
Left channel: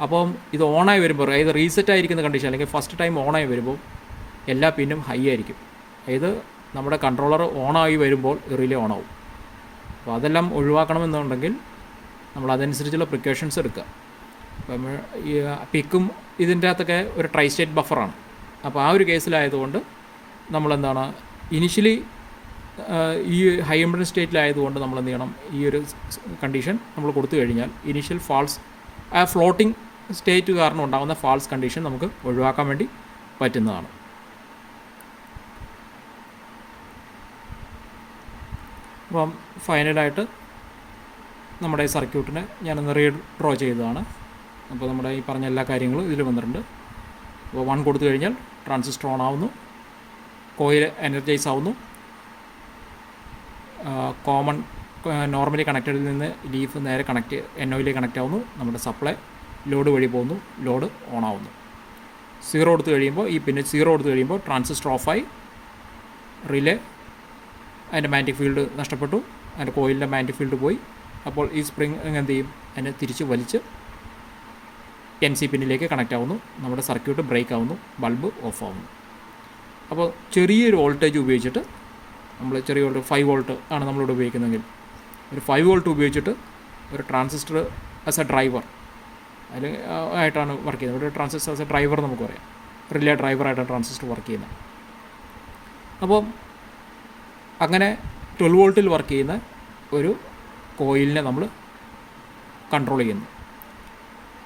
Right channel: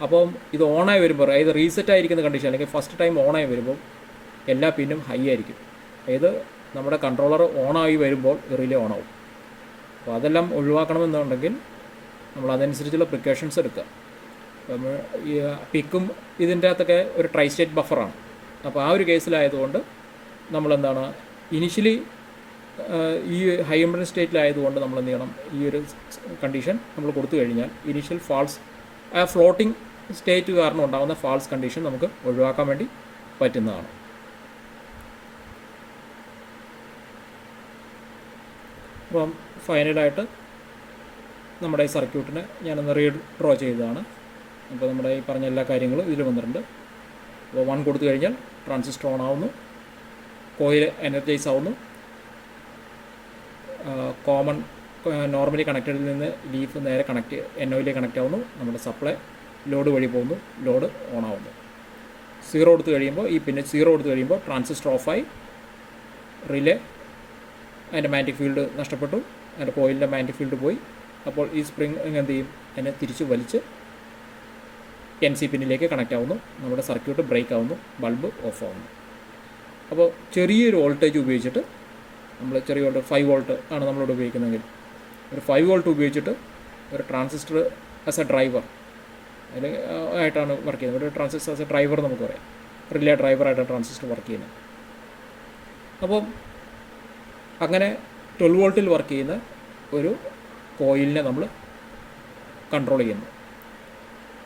അപ്പം ഇത് ഓണായി വരുമ്പോൾ, അതായത് റീസെറ്റ് ആയിരിക്കുന്ന കണ്ടീഷൻ അല്ലെങ്കിൽ ഫസ്റ്റ് ടൈം ഓണായി വരുമ്പോൾ എല്ലാ പിന്നും ഹൈ ആയിരിക്കും. അതായത് നമ്മുടെ കൺട്രോളർ ഓണായി വരുമ്പോൾ റിലേ ഓണാവും. അപ്പോൾ അതെല്ലാം ഒഴിവാക്കണമെന്നുണ്ടെങ്കിൽ നമ്മൾ അതനുസരിച്ചുള്ള പ്രിക്കോഷൻസ് എടുക്കുക. അപ്പം ഈ പിക്കും ഇതിൻ്റെ അകത്തൊക്കെ ഒരു ട്രൈ സ്റ്റേറ്റ് ബഫറാണ്. അപ്പോൾ ആ ഒരു കേസിലായതുകൊണ്ട് നമ്മളെന്താണ്, ഇനിഷ്യലി ഈ ഹൈ ഇമ്പിഡൻസ് സ്റ്റേറ്റിലായതുകൊണ്ട് നമ്മൾ എന്ത് ചെയ്യണം, ഈ ഒരു കണ്ടീഷൻ നമ്മൾ കൊടുത്തു കഴിഞ്ഞാൽ ഇനീഷ്യൽ ഫാൾസ്, ആ ഫ്ലോട്ടിംഗ് സ്റ്റേറ്റ് കാരണം ഉണ്ടാകുന്ന ഫാൾസ് കണ്ടീഷൻ നമുക്ക് ഒഴിവാക്കാൻ വേണ്ടി പറ്റുന്നതാണ്. അപ്പം ഫൈനലായിട്ട് നമ്മുടെ സർക്യൂട്ടിനെ ഞാനൊന്ന് റീഡ്രോ ചെയ്തതാണ്. അപ്പോൾ നമ്മുടെ ഈ പറഞ്ഞ എല്ലാ കാര്യങ്ങളും ഇതിൽ വന്നിട്ടുണ്ട്. അപ്പോൾ 1 കൊടുത്തു കഴിഞ്ഞാൽ ട്രാൻസിസ്റ്റർ ഓൺ ആവുന്നു, കോയിൽ എനർജൈസ് ആവുന്നു, കോമൺ നോർമലി കണക്റ്റഡിൽ നിന്ന് ലീഫ് നേരെ NOയിലേക്ക് കണക്റ്റ് ആവുന്നു, നമ്മുടെ സപ്ലൈ ലോഡ് വഴി പോകുന്നു, ലോഡ് ഓൺ ആവുന്നു. 0 കൊടുത്തു കഴിയുമ്പോൾ ഈ പിന്നെ 0 കൊടുത്തു കഴിയുമ്പോൾ ട്രാൻസിസ്റ്റർ ഓഫായി, റിലേ അതിൻ്റെ മാഗ്നറ്റിക് ഫീൽഡ് നഷ്ടപ്പെട്ടു, അതിൻ്റെ കോയിലിൻ്റെ മാഗ്നറ്റിക് ഫീൽഡ് പോയി. അപ്പോൾ ഈ സ്പ്രിങ് എന്ത് ചെയ്യും, അതിനെ തിരിച്ച് വലിച്ച് NC പിന്നിലേക്ക് കണക്റ്റ് ആവുന്നു, നമ്മുടെ സർക്യൂട്ട് ബ്രേക്ക് ആവുന്നു, ബൾബ് ഓഫ് ആവുന്നു. അപ്പോൾ ചെറിയൊരു വോൾട്ടേജ് ഉപയോഗിച്ചിട്ട് നമ്മൾ ചെറിയ വോൾട്ട് 5 വോൾട്ട് ആണ് നമ്മളിവിടെ ഉപയോഗിക്കുന്നതെങ്കിൽ ഒരു 5 വോൾട്ട് ഉപയോഗിച്ചിട്ട് ഒരു ട്രാൻസിസ്റ്റർ ആസ് എ ഡ്രൈവർ അതിൽ ആയിട്ടാണ് വർക്ക് ചെയ്യുന്നത്. ഒരു ട്രാൻസിസ്റ്റർ ആസ് എ ഡ്രൈവർ നമുക്ക് പറയാം, റിലേ ഡ്രൈവറായിട്ടാണ് ട്രാൻസിസ്റ്റർ വർക്ക് ചെയ്യുന്നത്. അപ്പോൾ അങ്ങനെ 12 വോൾട്ടിൽ വർക്ക് ചെയ്യുന്ന ഒരു കോയിലിനെ നമ്മൾ കൺട്രോൾ ചെയ്യുന്നു.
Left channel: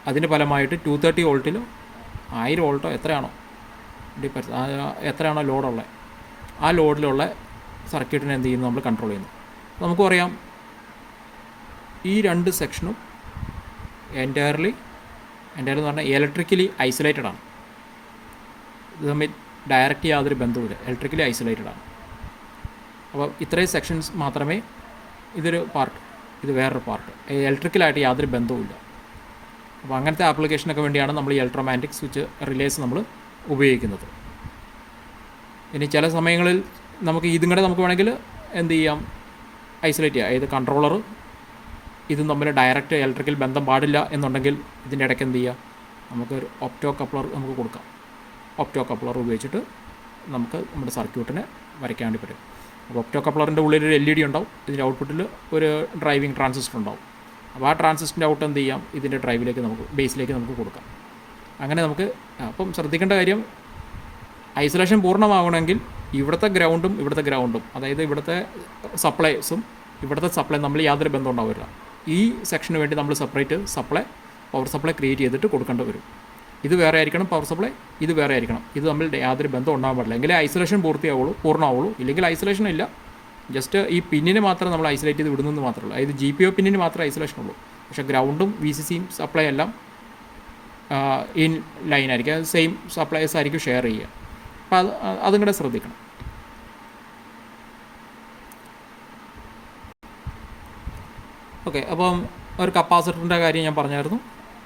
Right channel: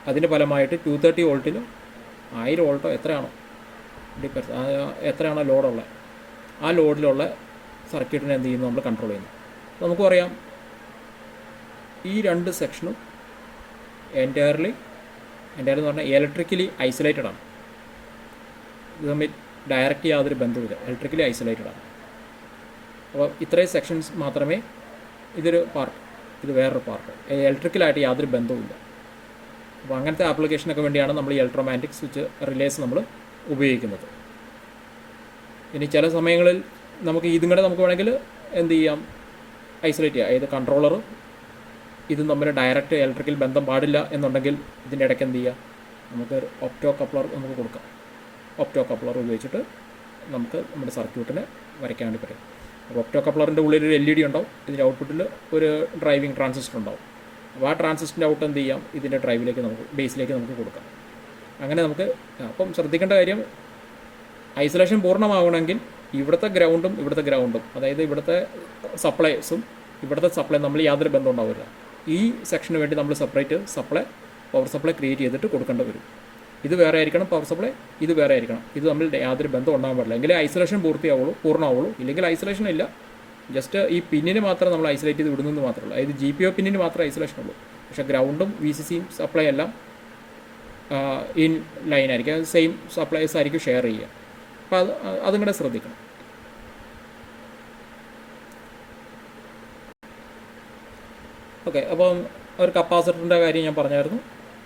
അതിന് ഫലമായിട്ട് 230 വോൾട്ടിലും 1000 വോൾട്ടോ എത്രയാണോ ഡിപ്പെൻസ് എത്രയാണോ ലോഡുള്ളത് ആ ലോഡിലുള്ള സർക്യൂട്ടിനെ എന്ത് ചെയ്യുന്നു, നമ്മൾ കൺട്രോൾ ചെയ്യുന്നു. നമുക്ക് പറയാം ഈ രണ്ട് സെക്ഷനും എൻറ്റയർലി എന്ന് പറഞ്ഞാൽ ഇലക്ട്രിക്കലി ഐസൊലേറ്റഡ് ആണ്. ഇത് തമ്മിൽ ഡയറക്റ്റ് യാതൊരു ബന്ധവുമില്ല, ഇലക്ട്രിക്കലി ഐസൊലേറ്റഡ് ആണ്. അപ്പോൾ ഇത്രയും സെക്ഷൻസ് മാത്രമേ, ഇതൊരു പാർട്ട്, ഇത് വേറൊരു പാർട്ട്, ഇലക്ട്രിക്കലായിട്ട് യാതൊരു ബന്ധവുമില്ല. അപ്പോൾ അങ്ങനത്തെ ആപ്ലിക്കേഷനൊക്കെ വേണ്ടിയാണ് നമ്മൾ ഈ ഇലക്ട്രോമാഗ്നറ്റിക് സ്വിച്ച് റിലേസ് നമ്മൾ ഉപയോഗിക്കുന്നത്. ഇനി ചില സമയങ്ങളിൽ നമുക്ക് ഇതും കൂടെ നമുക്ക് വേണമെങ്കിൽ എന്ത് ചെയ്യാം, ഐസൊലേറ്റ് ചെയ്യാം. അതായത് കൺട്രോളർ ഇതും തമ്മിൽ ഡയറക്റ്റ് ഇലക്ട്രിക്കൽ ബന്ധം പാടില്ല എന്നുണ്ടെങ്കിൽ ഇതിൻ്റെ ഇടയ്ക്ക് എന്ത് ചെയ്യുക, നമുക്ക് ഒരു ഒപ്റ്റോ കപ്ലർ നമുക്ക് കൊടുക്കാം. ഒപ്റ്റോ കപ്ലർ ഉപയോഗിച്ചിട്ട് നമുക്ക് നമ്മുടെ സർക്യൂട്ടിനെ വരയ്ക്കാൻ വേണ്ടി പറ്റും. അപ്പോൾ ഒപ്റ്റോ കപ്ലറിൻ്റെ ഉള്ളിൽ ഒരു LED ഉണ്ടാവും, ഇതിൻ്റെ ഔട്ട്പുട്ടിൽ ഒരു ഡ്രൈവിംഗ് ട്രാൻസിസ്റ്റർ ഉണ്ടാവും. അപ്പോൾ ആ ട്രാൻസിസ്റ്ററിൻ്റെ ഔട്ട് എന്ത് ചെയ്യാം, ഇതിൻ്റെ ഡ്രൈവിലേക്ക് നമുക്ക് ബേസിലേക്ക് നമുക്ക് കൊടുക്കാം. അങ്ങനെ നമുക്ക് അപ്പം ശ്രദ്ധിക്കേണ്ട കാര്യം, ഐസൊലേഷൻ പൂർണ്ണമാകണമെങ്കിൽ ഇവിടുത്തെ ഗ്രൗണ്ടും അതായത് ഇവിടുത്തെ സപ്ലൈസും ഇവിടുത്തെ സപ്ലൈ നമ്മൾ യാതൊരു ബന്ധം ഉണ്ടാവില്ല. ഈ സെക്ഷന് വേണ്ടി നമ്മൾ സെപ്പറേറ്റ് പവർ സപ്ലൈ ക്രിയേറ്റ് ചെയ്തിട്ട് കൊടുക്കേണ്ടി വരും. ഇത് വേറെ ആയിരിക്കണം പവർ സപ്ലൈ, ഇത് വേറെ ആയിരിക്കണം. ഇത് തമ്മിൽ യാതൊരു ബന്ധം ഉണ്ടാകാൻ പാടില്ല. എങ്കിലേ ഐസൊലേഷൻ പൂർണ്ണമാവുള്ളൂ. ഇല്ലെങ്കിൽ ഐസൊലേഷൻ ഇല്ല, ജസ്റ്റ് ഈ പിന്നിന് മാത്രം നമ്മൾ ഐസൊലേറ്റ് ചെയ്ത് വിടുന്നത് മാത്രമേ ഉള്ളൂ. അതായത് GPO പിന്നിന് മാത്രമേ ഐസൊലേഷൻ ഉള്ളൂ. പക്ഷേ ഗ്രൗണ്ടും VCCയും സപ്ലൈ എല്ലാം ഇൻ ലൈൻ ആയിരിക്കും, സെയിം സപ്ലൈസ് ആയിരിക്കും ഷെയർ ചെയ്യുക. അപ്പോൾ അതും കൂടെ ശ്രദ്ധിക്കണം. ഓക്കെ, അപ്പം ഒരു കപ്പാസിറ്ററിൻ്റെ കാര്യം ഞാൻ പറഞ്ഞായിരുന്നു.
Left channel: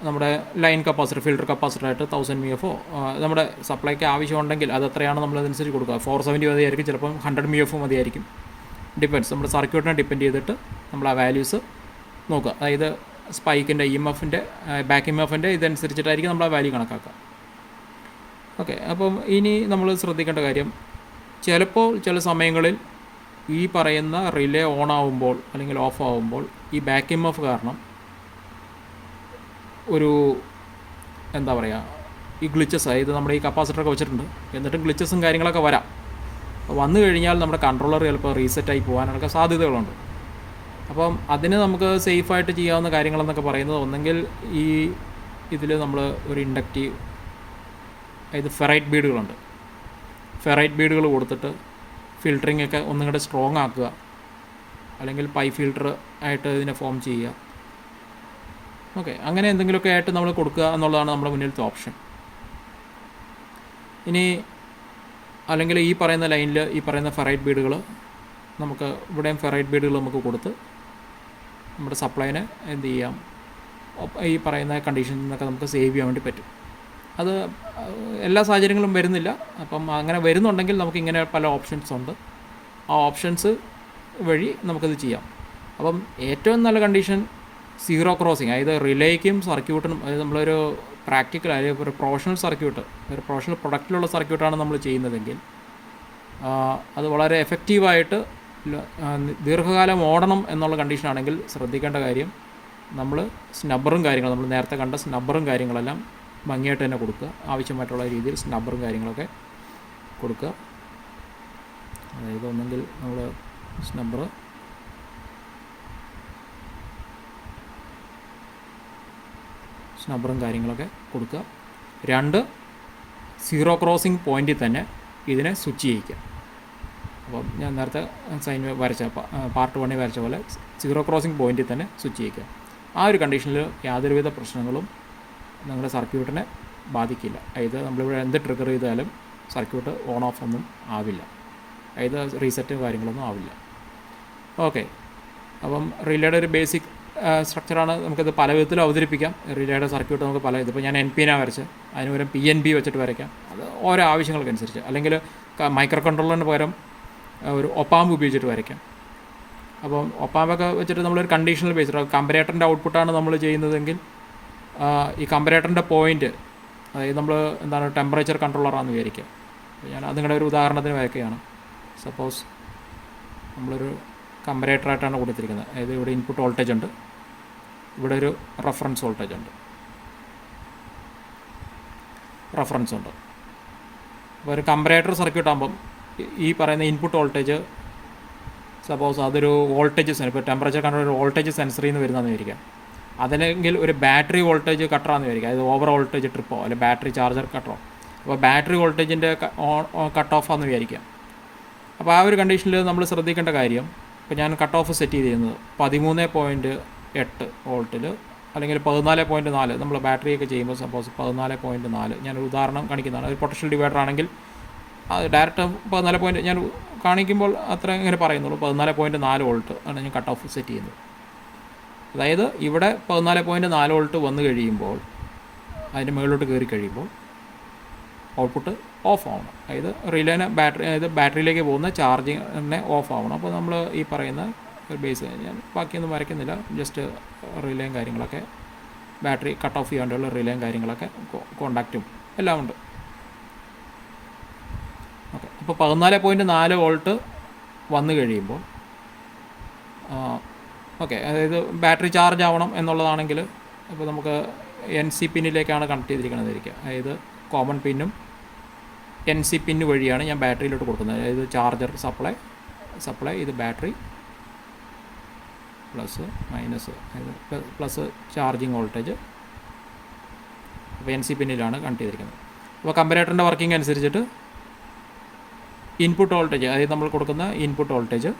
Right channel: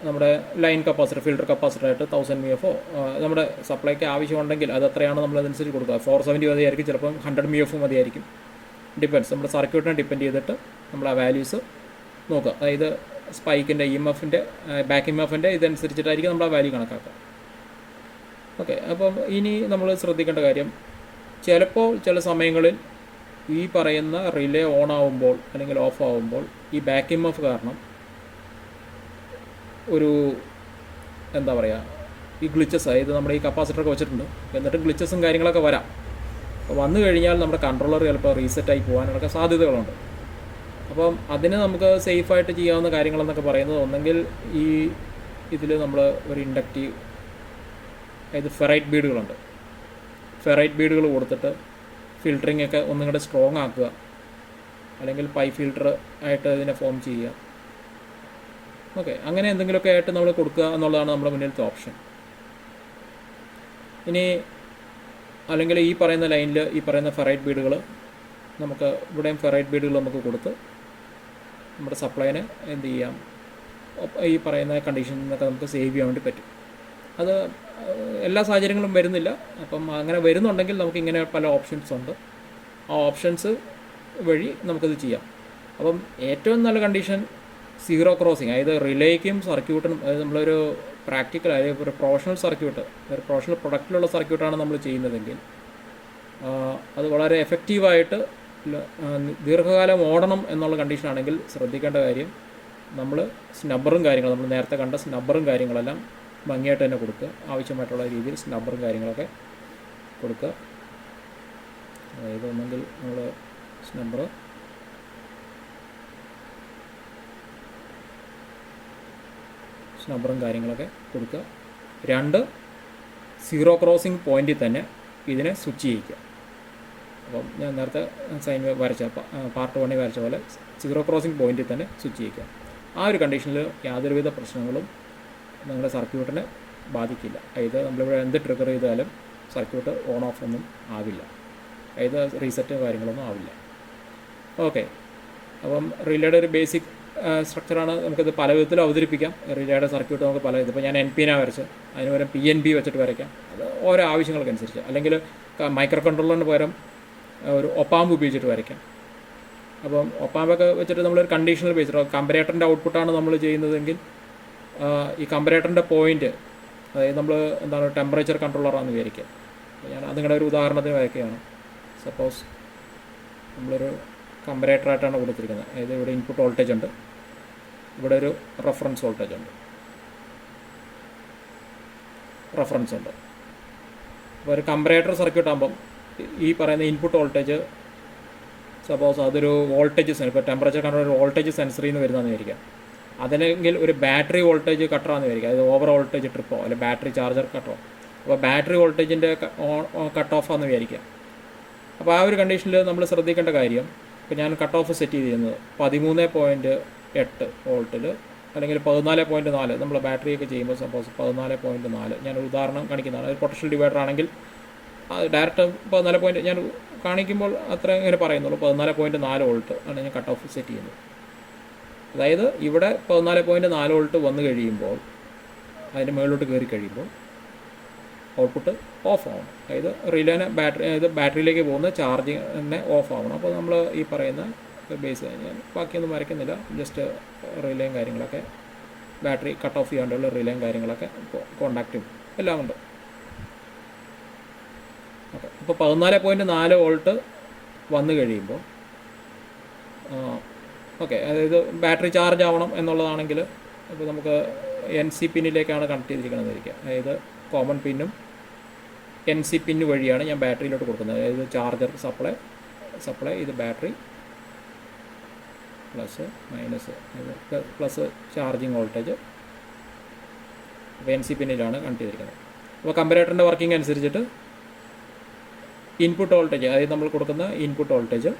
നമ്മുടെ ലൈൻ കപ്പാസിറ്റർ, ഫിൽട്ടർ കപ്പാസിറ്ററായിട്ട് 1000 mF നമ്മുടെ സപ്ലൈക്ക് ആവശ്യമുണ്ടെങ്കിൽ അത് എത്രയാണ് നമ്മളതനുസരിച്ച് കൊടുക്കുക. 470 മതിയായിരിക്കും, ചിലപ്പം 100 mF മതിയായിരിക്കും. ഡിപ്പെൻഡ്സ്, നമ്മുടെ സർക്യൂട്ടിനെ ഡിപ്പെൻഡ് ചെയ്തിട്ട് നമ്മൾ ആ വാല്യൂസ് നോക്കുക. അതായത് സ്പൈക്കിൻ്റെ EMFൻ്റെ ബാക്ക് EMFൻ്റെ ഇതനുസരിച്ചിട്ടായിരിക്കും നമ്മൾ ആ വാല്യൂ കണക്കാക്കുക. ഓക്കെ, അപ്പം ഇനി നമ്മൾ ശ്രദ്ധിക്കേണ്ട കാര്യം, ചില സമയങ്ങളിൽ ഈ പറയുന്ന റിലേ ഓൺ ആവുമ്പോൾ അല്ലെങ്കിൽ ഓഫ് ആവുമ്പോൾ ഈ ബാക്ക് EMF കാരണം ഒരു എന്താ പറയുക, ഈ ഗ്ലിച്ചസ്, അതായത് നമ്മുടെ ഈ കപ്പാസിറ്ററൊക്കെ വെച്ചിട്ടുണ്ട്, എന്നിട്ട് ഗ്ലിച്ചസും കാര്യങ്ങളൊക്കെ വരാം. അപ്പോൾ വന്നു കഴിഞ്ഞാൽ നമ്മുടെ കൺട്രോളർ ചിലപ്പോൾ റീസെറ്റായി പോകാനൊക്കെ സാധ്യതകളുണ്ട്. അപ്പം അതിന് നമുക്ക് സേഫായിട്ട് ചെയ്യാവുന്ന കാര്യങ്ങളെന്നൊക്കെ പറയുന്നത്, ഒന്നെങ്കിൽ ഈ ഇതിൽ നമ്മൾ ഒരു ഇൻഡക്റ്റീവ്, അതായത് ഫെറൈറ്റ് ബീഡുകളുണ്ട്, ഫെറൈറ്റ് ബീഡുകൾ കൊടുത്തിട്ട് ഫിൽറ്ററിംഗ് ഒക്കെ ഒന്നും കൂടെ സ്ട്രോങ് ആക്കുക, അല്ലെങ്കിൽ പൈ ഫിൽറ്റർ ആയിട്ട് ഇതിനെ ഫോം ചെയ്യുക. ഓക്കെ, അങ്ങനെ എന്തെങ്കിലുമൊക്കെ ആയിട്ട് നമ്മൾ കൊടുക്കുക എന്നുള്ളതാണ് നമ്മുടെ മുന്നിലത്തെ ഓപ്ഷൻ. ഇനി അല്ലെങ്കിൽ ഈ പറയുന്ന ലൈനിൽ ഈ പറയുന്ന ഫെറൈറ്റ് ബീഡുകൾ നമുക്ക് ഇവിടെയും ഫെറൈറ്റ് ബീഡുകൾ നമുക്ക് കൊടുത്ത് നമ്മുടെ സപ്ലൈനെ എന്ത് ചെയ്യാം, ഈ പറയുന്ന കണ്ടീഷനിൽ നിന്നൊക്കെ നമുക്ക് സേവ് ചെയ്യാൻ വേണ്ടി പറ്റും. അത് എല്ലാ സാഹചര്യങ്ങളും വരുന്നില്ല. അപ്പം അങ്ങനെ വരുന്നുണ്ടെങ്കിൽ നമുക്ക് ഇങ്ങനെ പല ഓപ്ഷൻസ് ഉണ്ട്. ആ ഓപ്ഷൻസ് വഴി നമുക്കത് ചെയ്യാം. അപ്പം ഏറ്റവും നല്ല കണ്ടീഷൻ സീറോ ക്രോസിങ്, അതായത് റിലേക്കും സർക്യൂട്ടിനും, അതായത് നമ്മളൊരു പ്രാക്ടിക്കൽ, അതായത് ഒരു പ്രൊഫഷണൽ സർക്യൂട്ട്, ഒരു പ്രൊഫഷണൽ പ്രൊഡക്റ്റിലുള്ള സർക്യൂട്ടാണ് നമ്മൾ ചെയ്യുന്നതെങ്കിൽ അത് വളരെ എഫക്റ്റീവായിട്ട് ദീർഘകാലം ഓടണം എന്നുള്ള കണ്ടീഷനാണെങ്കിൽ ശ്രദ്ധിക്കേണ്ട കാര്യം, നമ്മൾ സ്നബ്ബറും കാര്യങ്ങളും, നമ്മൾ നേരത്തെ കണ്ട സ്നബ്ബറും കാര്യങ്ങളെല്ലാം ഭംഗിയായിട്ട് തന്നെ കൊടുക്കുക. ആവശ്യമായിട്ടുള്ള രീതിയിൽ സ്നബ്ബറും കാര്യങ്ങളൊക്കെ കൊടുക്കുക. അതായത് ഒന്നെങ്കിൽ നമ്മൾ സ്നബ്ബറും കാര്യങ്ങളൊക്കെ കൊടുക്കുക. 2, സീറോ ക്രോസിംഗ് പോയിൻറ്റിൽ തന്നെ ഇതിനെ സ്വിച്ച് ചെയ്യിക്കുക. അപ്പം ഞാൻ നേരത്തെ സൈൻ വരച്ച പാർട്ട് 1 വരച്ച പോലെ സീറോ ക്രോസിംഗ് പോയിൻറ്റിൽ തന്നെ സ്വിച്ച് ചെയ്യിക്കുക. ആ ഒരു കണ്ടീഷനിൽ യാതൊരുവിധ പ്രശ്നങ്ങളും നിങ്ങളുടെ സർക്യൂട്ടിനെ ബാധിക്കില്ല. അതായത് നമ്മളിവിടെ എന്ത് ട്രിഗർ ചെയ്താലും സർക്യൂട്ട് ഓൺ ഓഫ് ഒന്നും ആവില്ല, അതായത് റീസെറ്റ് കാര്യങ്ങളൊന്നും ആവില്ല. ഓക്കെ, അപ്പം റിലേയുടെ ഒരു ബേസിക് സ്ട്രക്ചറാണ്. നമുക്കിത് പല വിധത്തിൽ അവതരിപ്പിക്കാം. റിലേയുടെ സർക്യൂട്ട് നമുക്ക് പല ഇത്, ഇപ്പോൾ ഞാൻ NPN വരച്ച് അതിന് പകരം PNP വെച്ചിട്ട് വരയ്ക്കാം. അത് ഓരോ ആവശ്യങ്ങൾക്കനുസരിച്ച്. അല്ലെങ്കിൽ മൈക്രോ കൺട്രോളറിന് പകരം ഒരു ഒപ്പാമ്പ് ഉപയോഗിച്ചിട്ട് വരയ്ക്കാം. അപ്പം ഒപ്പാമ്പൊക്കെ വെച്ചിട്ട് നമ്മളൊരു കണ്ടീഷണൽ ബേസ്ഡ് കമ്പറേറ്ററിൻ്റെ ഔട്ട്പുട്ടാണ് നമ്മൾ ചെയ്യുന്നതെങ്കിൽ ഈ കമ്പറേറ്ററിൻ്റെ പോയിൻറ്റ്, അതായത് നമ്മൾ എന്താണ് ടെമ്പറേച്ചർ കൺട്രോളറാണെന്ന് വിചാരിക്കുക. അപ്പോൾ ഞാൻ അതിങ്ങളുടെ ഒരു ഉദാഹരണത്തിന് വരയ്ക്കുകയാണ്. സപ്പോസ് നമ്മളൊരു കമ്പറേറ്ററായിട്ടാണ് കൊടുത്തിരിക്കുന്നത്. അതായത് ഇവിടെ ഇൻപുട്ട് വോൾട്ടേജ് ഉണ്ട്, ഇവിടെ ഒരു റെഫറൻസ് വോൾട്ടേജ് ഉണ്ട്, റെഫറൻസ് ഉണ്ട്. അപ്പോൾ ഒരു കമ്പറേറ്റർ സർക്യൂട്ട് ആകുമ്പം ഈ പറയുന്ന ഇൻപുട്ട് വോൾട്ടേജ് സപ്പോസ് അതൊരു വോൾട്ടേജ് സെൻസർ, ഇപ്പോൾ ടെമ്പറേച്ചർ കൺട്രോൾ ഒരു വോൾട്ടേജ് സെൻസറിൽ നിന്ന് വരുന്നതെന്ന് വിചാരിക്കാം. അതല്ലെങ്കിൽ ഒരു ബാറ്ററി വോൾട്ടേജ് കട്ടറാന്ന് വിചാരിക്കാം, അത് ഓവർ വോൾട്ടേജ് ട്രിപ്പോ അല്ലെങ്കിൽ ബാറ്ററി ചാർജർ കട്ടറോ. അപ്പോൾ ബാറ്ററി വോൾട്ടേജിൻ്റെ കട്ട് ഓഫ് ആണെന്ന് വിചാരിക്കാം. അപ്പോൾ ആ ഒരു കണ്ടീഷനിൽ നമ്മൾ ശ്രദ്ധിക്കേണ്ട കാര്യം, ഇപ്പോൾ ഞാൻ കട്ട് ഓഫ് സെറ്റ് ചെയ്തിരുന്നത് 13.8 വോൾട്ടിൽ അല്ലെങ്കിൽ 14.4. നമ്മൾ ബാറ്ററിയൊക്കെ ചെയ്യുമ്പോൾ സപ്പോസ് 14.4, ഞാനൊരു ഉദാഹരണം കാണിക്കുന്നതാണ്. ഒരു പൊട്ടൻഷ്യൽ ഡിവൈഡർ ആണെങ്കിൽ അത് ഡയറക്റ്റ് 14 ഞാൻ കാണിക്കുമ്പോൾ അത്ര ഇങ്ങനെ പറയുന്നുള്ളൂ, 14.4 വോൾട്ട് ആണ് ഞാൻ കട്ട് ഓഫ് സെറ്റ് ചെയ്യുന്നത്. അതായത് ഇവിടെ 14.4 വോൾട്ട് വന്നു കഴിയുമ്പോൾ അതിൻ്റെ മുകളിലോട്ട് കയറി കഴിയുമ്പോൾ ഔട്ട്പുട്ട് ഓഫ് ആവണം. അതായത് റിലേനെ ബാറ്ററിയിലേക്ക് പോകുന്ന ചാർജിങ്ങിനെ ഓഫ് ആവണം. അപ്പോൾ നമ്മൾ ഈ പറയുന്ന ബേസ് ഞാൻ ബാക്കിയൊന്നും വരയ്ക്കുന്നില്ല, ജസ്റ്റ് റിലേയും കാര്യങ്ങളൊക്കെ, ബാറ്ററി കട്ട് ഓഫ് ചെയ്യാണ്ടുള്ള റിലേയും കാര്യങ്ങളൊക്കെ കോണ്ടാക്റ്റും എല്ലാം ഉണ്ട്. ഓക്കെ, അപ്പോൾ 14.4 വോൾട്ട് വന്നു കഴിയുമ്പോൾ ഓക്കെ, അതായത് ബാറ്ററി ചാർജ് ആവണം എന്നുള്ളതാണെങ്കിൽ ഇപ്പോൾ നമുക്ക് NC പിന്നിലേക്കാണ് കണക്ട് ചെയ്തിരിക്കുന്നതായിരിക്കുക. അതായത് കോമൺ പിന്നും NC പിന്ന് വഴിയാണ് ഞാൻ ബാറ്ററിയിലോട്ട് കൊടുക്കുന്നത്. അതായത് ചാർജർ സപ്ലൈ ഇത് battery plus minus, plus charging voltage. അപ്പോൾ NC പിന്നിലാണ് കണക്ട് ചെയ്തിരിക്കുന്നത്. അപ്പോൾ കമ്പറേറ്ററിൻ്റെ വർക്കിംഗ് അനുസരിച്ചിട്ട് ഇൻപുട്ട് വോൾട്ടേജ്, അതായത് നമ്മൾ കൊടുക്കുന്ന ഇൻപുട്ട് വോൾട്ടേജ്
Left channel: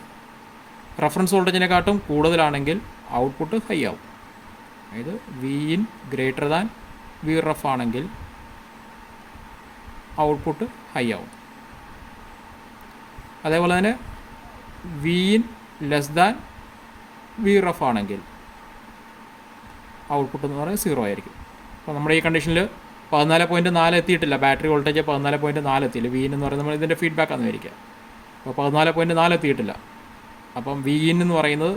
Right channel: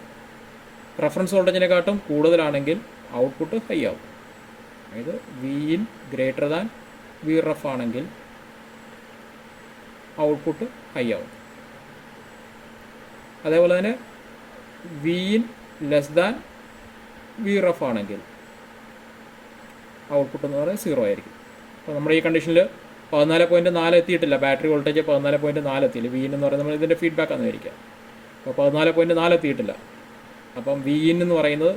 റെഫറൻസ് വോൾട്ടേജിനെക്കാട്ടും കൂടുതലാണെങ്കിൽ ഔട്ട്പുട്ട് ഹൈ ആവും. അതായത് Vin ഗ്രേറ്റർ ദാൻ Vref ആണെങ്കിൽ ഔട്ട്പുട്ട് ഹൈ ആവും. അതേപോലെ തന്നെ Vin ലെസ് ദാൻ Vref ആണെങ്കിൽ ഔട്ട്പുട്ട് എന്ന് പറയുന്നത് 0 ആയിരിക്കും. അപ്പോൾ നമ്മുടെ ഈ കണ്ടീഷനിൽ 14.4 എത്തിയിട്ടില്ല, ബാറ്ററി വോൾട്ടേജ് 14.4 എത്തിയില്ല. Vin എന്ന് പറയുന്നത് നമ്മൾ ഇതിൻ്റെ ഫീഡ്ബാക്ക് ആണെന്ന് വിചാരിക്കുക. അപ്പോൾ 14.4 എത്തിയിട്ടില്ല. അപ്പം Vin എന്ന് പറയുന്നത്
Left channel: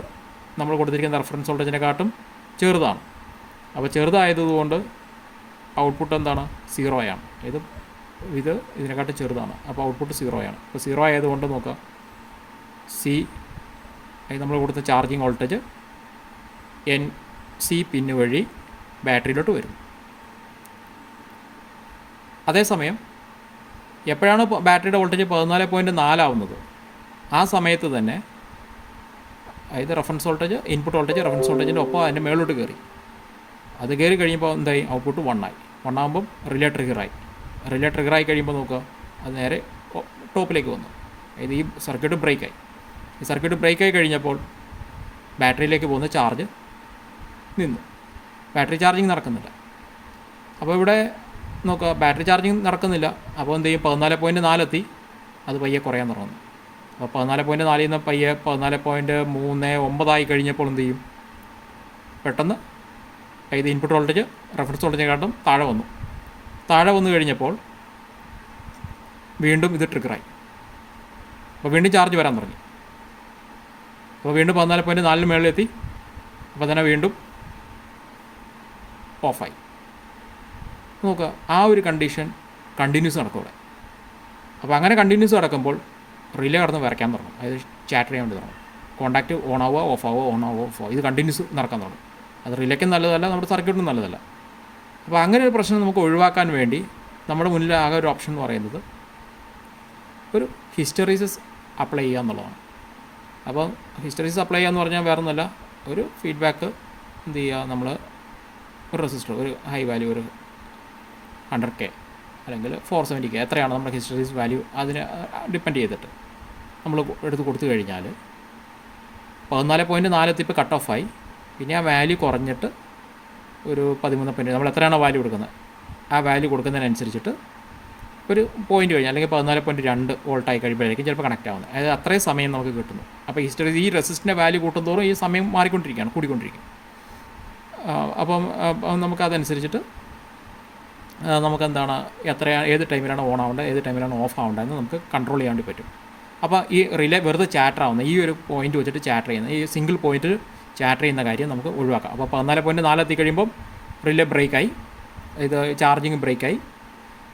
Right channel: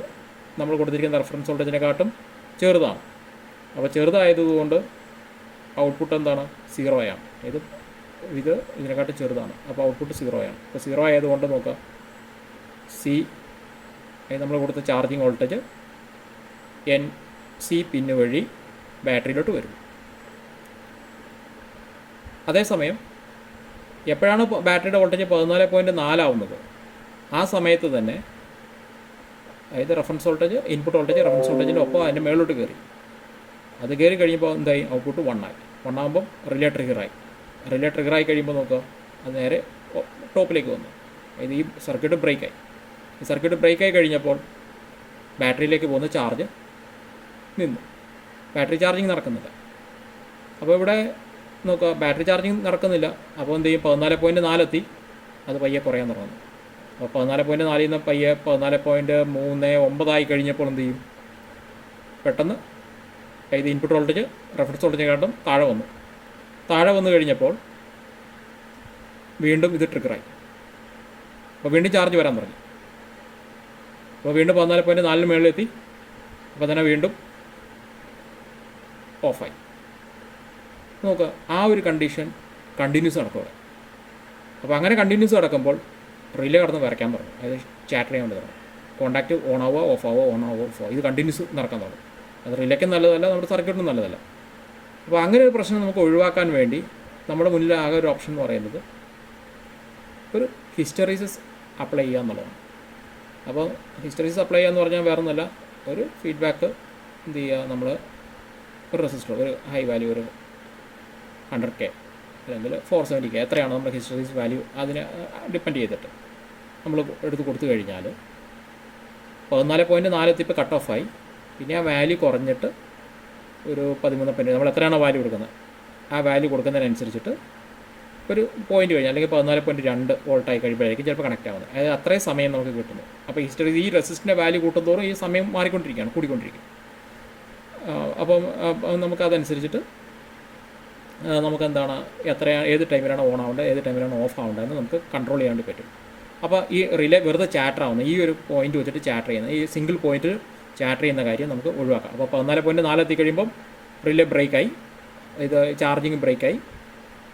നമ്മൾ കൊടുത്തിരിക്കുന്ന റെഫറൻസ് വോൾട്ടേജിനെക്കാട്ടും ചെറുതാണ്. അപ്പോൾ ചെറുതായതുകൊണ്ട് ഔട്ട്പുട്ട് എന്താണ്? 0 ആണ്. ഇത് ഇതിനെക്കാട്ടും ചെറുതാണ്, അപ്പോൾ ഔട്ട്പുട്ട് 0 ആണ്. അപ്പോൾ 0 ആയതുകൊണ്ട് നോക്കുക, നമ്മൾ കൊടുത്ത ചാർജിങ് വോൾട്ടേജ് NC പിന്ന് വഴി ബാറ്ററിയിലോട്ട് വരും. അതേസമയം എപ്പോഴാണ് ബാറ്ററിയുടെ വോൾട്ടേജ് 14.4 ആവുന്നത്, ആ സമയത്ത് തന്നെ അതായത് reference voltage input voltage reference വോൾട്ടേജിൻ്റെ ഒപ്പം അതിൻ്റെ മേളിലോട്ട് കയറി. അത് കയറി കഴിയുമ്പോൾ എന്തായി? ഔട്ട്പുട്ട് 1 ആയി. 1 ആകുമ്പം റിലേ ട്രിഗറായി കഴിയുമ്പോൾ നോക്കുക, അത് നേരെ ടോപ്പിലേക്ക് വന്നു. അതായത് ഈ സർക്യൂട്ട് ബ്രേക്കായി. ഈ സർക്യൂട്ട് ബ്രേക്കായി കഴിഞ്ഞപ്പോൾ ബാറ്ററിയിലേക്ക് പോകുന്ന ചാർജ് നിന്നു, ബാറ്ററി ചാർജിങ് നടക്കുന്നില്ല. അപ്പോൾ ഇവിടെ നോക്കുക, ബാറ്ററി ചാർജിങ് നടക്കുന്നില്ല. അപ്പോൾ എന്ത് ചെയ്യും? 14.4 എത്തി, അത് പയ്യെ കുറയാൻ തുടങ്ങുന്നു. അപ്പോൾ 14.4 നിന്ന് പയ്യെ 14.39 ആയി കഴിഞ്ഞപ്പോൾ എന്ത് ചെയ്യും? പെട്ടെന്ന് ഇത് ഇൻപുട്ട് വോൾട്ടേജ് റെഫറൻസ് വോൾട്ടേജിനെക്കാട്ടും താഴെ വന്നു കഴിഞ്ഞപ്പോൾ വീണ്ടും ഇത് ട്രിഗറായി. അപ്പോൾ വീണ്ടും ചാർജ് വരാൻ തുടങ്ങി. അപ്പോൾ വീണ്ടും 14.4 മുകളിലെത്തി. അപ്പോൾ തന്നെ വീണ്ടും ഓഫായി. നോക്കുക, ആ ഒരു കണ്ടീഷൻ കണ്ടിന്യൂസ് നടക്കും അവിടെ. അപ്പോൾ അങ്ങനെ കണ്ടിന്യൂസ് നടക്കുമ്പോൾ റിലേ കടന്ന് വരയ്ക്കാൻ തുടങ്ങും, അതായത് ചാറ്റർ ചെയ്യാൻ തുടങ്ങും. കോൺടാക്റ്റ് ഓൺ ആവുക ഓഫ് ആവുക ഓൺ ആവുക ഓഫ് ആവുക, ഇത് കണ്ടിന്യൂസ് നടക്കാൻ തുടങ്ങും. അത് റിലേക്കും നല്ലതല്ല, നമ്മുടെ സർക്യൂട്ടിനും നല്ലതല്ല. അപ്പോൾ അങ്ങനെ ഒരു പ്രശ്നം നമുക്ക് ഒഴിവാക്കാൻ വേണ്ടി നമ്മുടെ മുന്നിൽ ആകെ ഒരു ഓപ്ഷൻ എന്ന് പറയുന്നത് ഒരു ഹിസ്റ്ററീസസ് അപ്ലൈ ചെയ്യുക എന്നുള്ളതാണ്. അപ്പോൾ ഹിസ്റ്ററീസസ് അപ്ലൈ ചെയ്യുക എന്ന് പറഞ്ഞാൽ വേറെ ഒന്നുമല്ല, ഒരു ഫീഡ്ബാക്ക് എന്ത് ചെയ്യുക, നമ്മൾ ഒരു റെസിസ്റ്റർ, ഒരു ഹൈ വാല്യൂ, ഒരു 100K അല്ലെങ്കിൽ 470K, എത്രയാണ് നമ്മുടെ ഹിസ്റ്ററീസ് വാല്യൂ, അതിനെ ഡിപ്പെൻഡ് ചെയ്തിട്ട് നമ്മൾ എടുത്ത് കൊടുത്തു കഴിഞ്ഞാൽ 14.4 എത്തിപ്പോൾ കട്ട് ഓഫായി. പിന്നെ ആ വാല്യൂ കുറഞ്ഞിട്ട് ഒരു 13 നമ്മൾ എത്രയാണോ വാല്യൂ കൊടുക്കുന്നത് ആ വാല്യൂ കൊടുക്കുന്നതിനനുസരിച്ചിട്ട് ഒരു പോയിന്റ് കഴിഞ്ഞാൽ അല്ലെങ്കിൽ 14.2 വോൾട്ടായി കഴിയുമ്പോഴായിരിക്കും ചിലപ്പോൾ കണക്റ്റ് ആവുന്നത്. അതായത് അത്രയും സമയം നമുക്ക് കിട്ടുന്നു. അപ്പോൾ ഈ റെസിസ്റ്ററിൻ്റെ വാല്യൂ കൂട്ടുന്നതോറും ഈ സമയം മാറിക്കൊണ്ടിരിക്കുകയാണ്, കൂടിക്കൊണ്ടിരിക്കും. അപ്പം നമുക്കതനുസരിച്ചിട്ട് നമുക്കെന്താണ് ഏത് ടൈമിലാണ് ഓൺ ആവേണ്ടത്, ഏത് ടൈമിലാണ് ഓഫ് ആവേണ്ടതെന്ന് നമുക്ക് കൺട്രോൾ ചെയ്യാൻ വേണ്ടി പറ്റും. അപ്പോൾ ഈ റിലേ വെറുതെ ചാറ്റർ ആവുന്ന ഈ ഒരു പോയിന്റ് വെച്ചിട്ട് ചാറ്റർ ചെയ്യുന്ന ഈ സിംഗിൾ പോയിന്റിൽ ചാറ്റർ ചെയ്യുന്ന കാര്യം നമുക്ക് ഒഴിവാക്കാം. അപ്പോൾ 14.4 എത്തി കഴിയുമ്പം റിലേ ബ്രേക്കായി, ഇത് ചാർജിങ് ബ്രേക്കായി.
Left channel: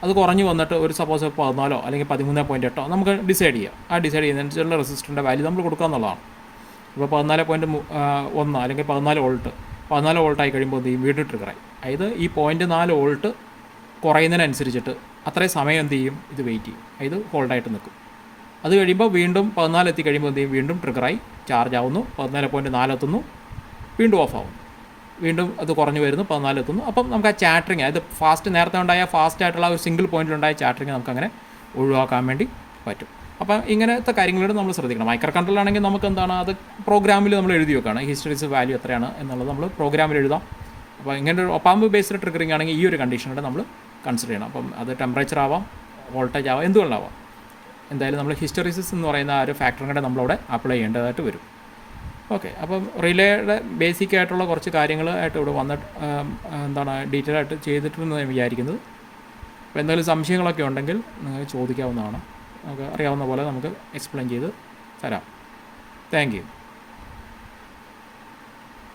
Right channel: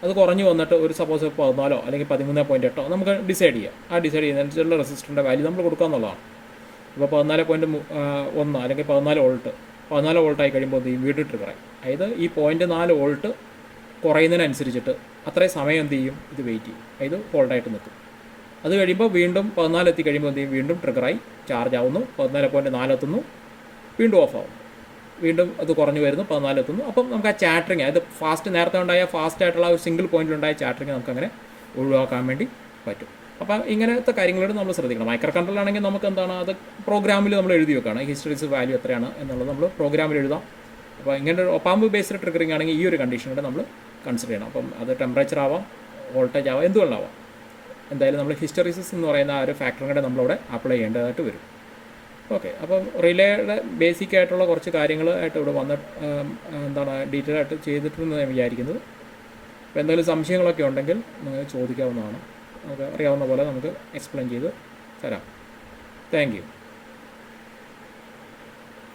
അത് കുറഞ്ഞ് വന്നിട്ട് ഒരു സപ്പോസ് 14 അല്ലെങ്കിൽ 13.8 നമുക്ക് ഡിസൈഡ് ചെയ്യാം. ആ ഡിസൈഡ് ചെയ്യുന്നതിനനുസരിച്ചുള്ള റെസിസ്റ്ററിൻ്റെ വാല്യൂ നമ്മൾ കൊടുക്കുക എന്നുള്ളതാണ്. ഇപ്പോൾ 14.1 അല്ലെങ്കിൽ 14 വോൾട്ട് 14 വോൾട്ടായി കഴിയുമ്പോൾ എന്ത് ചെയ്യും, വീണ്ടും ട്രിഗറായി. അതായത് ഈ 0.4 വോൾട്ട് കുറയുന്നതിനനുസരിച്ചിട്ട് അത്രയും സമയം എന്ത് ചെയ്യും, ഇത് വെയിറ്റ് ചെയ്യും, അതായത് ഹോൾഡായിട്ട് നിൽക്കും. അത് കഴിയുമ്പോൾ വീണ്ടും 14 എത്തി കഴിയുമ്പോൾ എന്ത് ചെയ്യും, വീണ്ടും ട്രിഗറായി ചാർജ് ആവുന്നു, 14.4 എത്തുന്നു, വീണ്ടും ഓഫ് ആവുന്നു, വീണ്ടും അത് കുറഞ്ഞു വരുന്നു, 14 എത്തുന്നു. അപ്പം നമുക്ക് ആ ചാറ്ററിങ്, അതായത് ഫാസ്റ്റ് നേരത്തെ ഉണ്ടായ ഫാസ്റ്റ് ആയിട്ടുള്ള ഒരു സിംഗിൾ പോയിന്റിലുണ്ടായ ചാറ്ററിങ് നമുക്കങ്ങനെ ഒഴിവാക്കാൻ വേണ്ടി പറ്റും. അപ്പം ഇങ്ങനത്തെ കാര്യങ്ങളോട് നമ്മൾ ശ്രദ്ധിക്കണം. മൈക്രോ കൺട്രോളാണെങ്കിൽ നമുക്ക് എന്താണ്, അത് പ്രോഗ്രാമിൽ നമ്മൾ എഴുതി വെക്കണം, ഹിസ്റ്ററീസ് വാല്യൂ എത്രയാണ് എന്നുള്ളത് നമ്മൾ പ്രോഗ്രാമിൽ എഴുതാം. അപ്പോൾ ഇങ്ങനെ ഒരു ഒപ്പാമ്പ് ബേസ്ഡ് ട്രിഗറിങ് ആണെങ്കിൽ ഈ ഒരു കണ്ടീഷനോടെ നമ്മൾ കൺസിഡർ ചെയ്യണം. അപ്പം അത് ടെമ്പറേച്ചർ ആവാം, വോൾട്ടേജ് ആവാം, എന്തുകൊണ്ടാവാം. എന്തായാലും നമ്മൾ ഹിസ്റ്ററീസിസ് എന്ന് പറയുന്ന ആ ഒരു ഫാക്ടറും കൂടെ നമ്മളവിടെ അപ്ലൈ ചെയ്യേണ്ടതായിട്ട് വരും. ഓക്കെ, അപ്പം റിലേയുടെ ബേസിക് ആയിട്ടുള്ള കുറച്ച് കാര്യങ്ങളായിട്ട് ഇവിടെ വന്നിട്ട് എന്താണ് ഡീറ്റെയിൽ ആയിട്ട് ചെയ്തിട്ടുണ്ടെന്ന് ഞാൻ വിചാരിക്കുന്നത്. അപ്പോൾ എന്തെങ്കിലും സംശയങ്ങളൊക്കെ ഉണ്ടെങ്കിൽ നിങ്ങൾക്ക് ചോദിക്കാവുന്നതാണ്. നമുക്ക് അറിയാവുന്ന പോലെ നമുക്ക് എക്സ്പ്ലെയിൻ ചെയ്ത് തരാം. Thank you.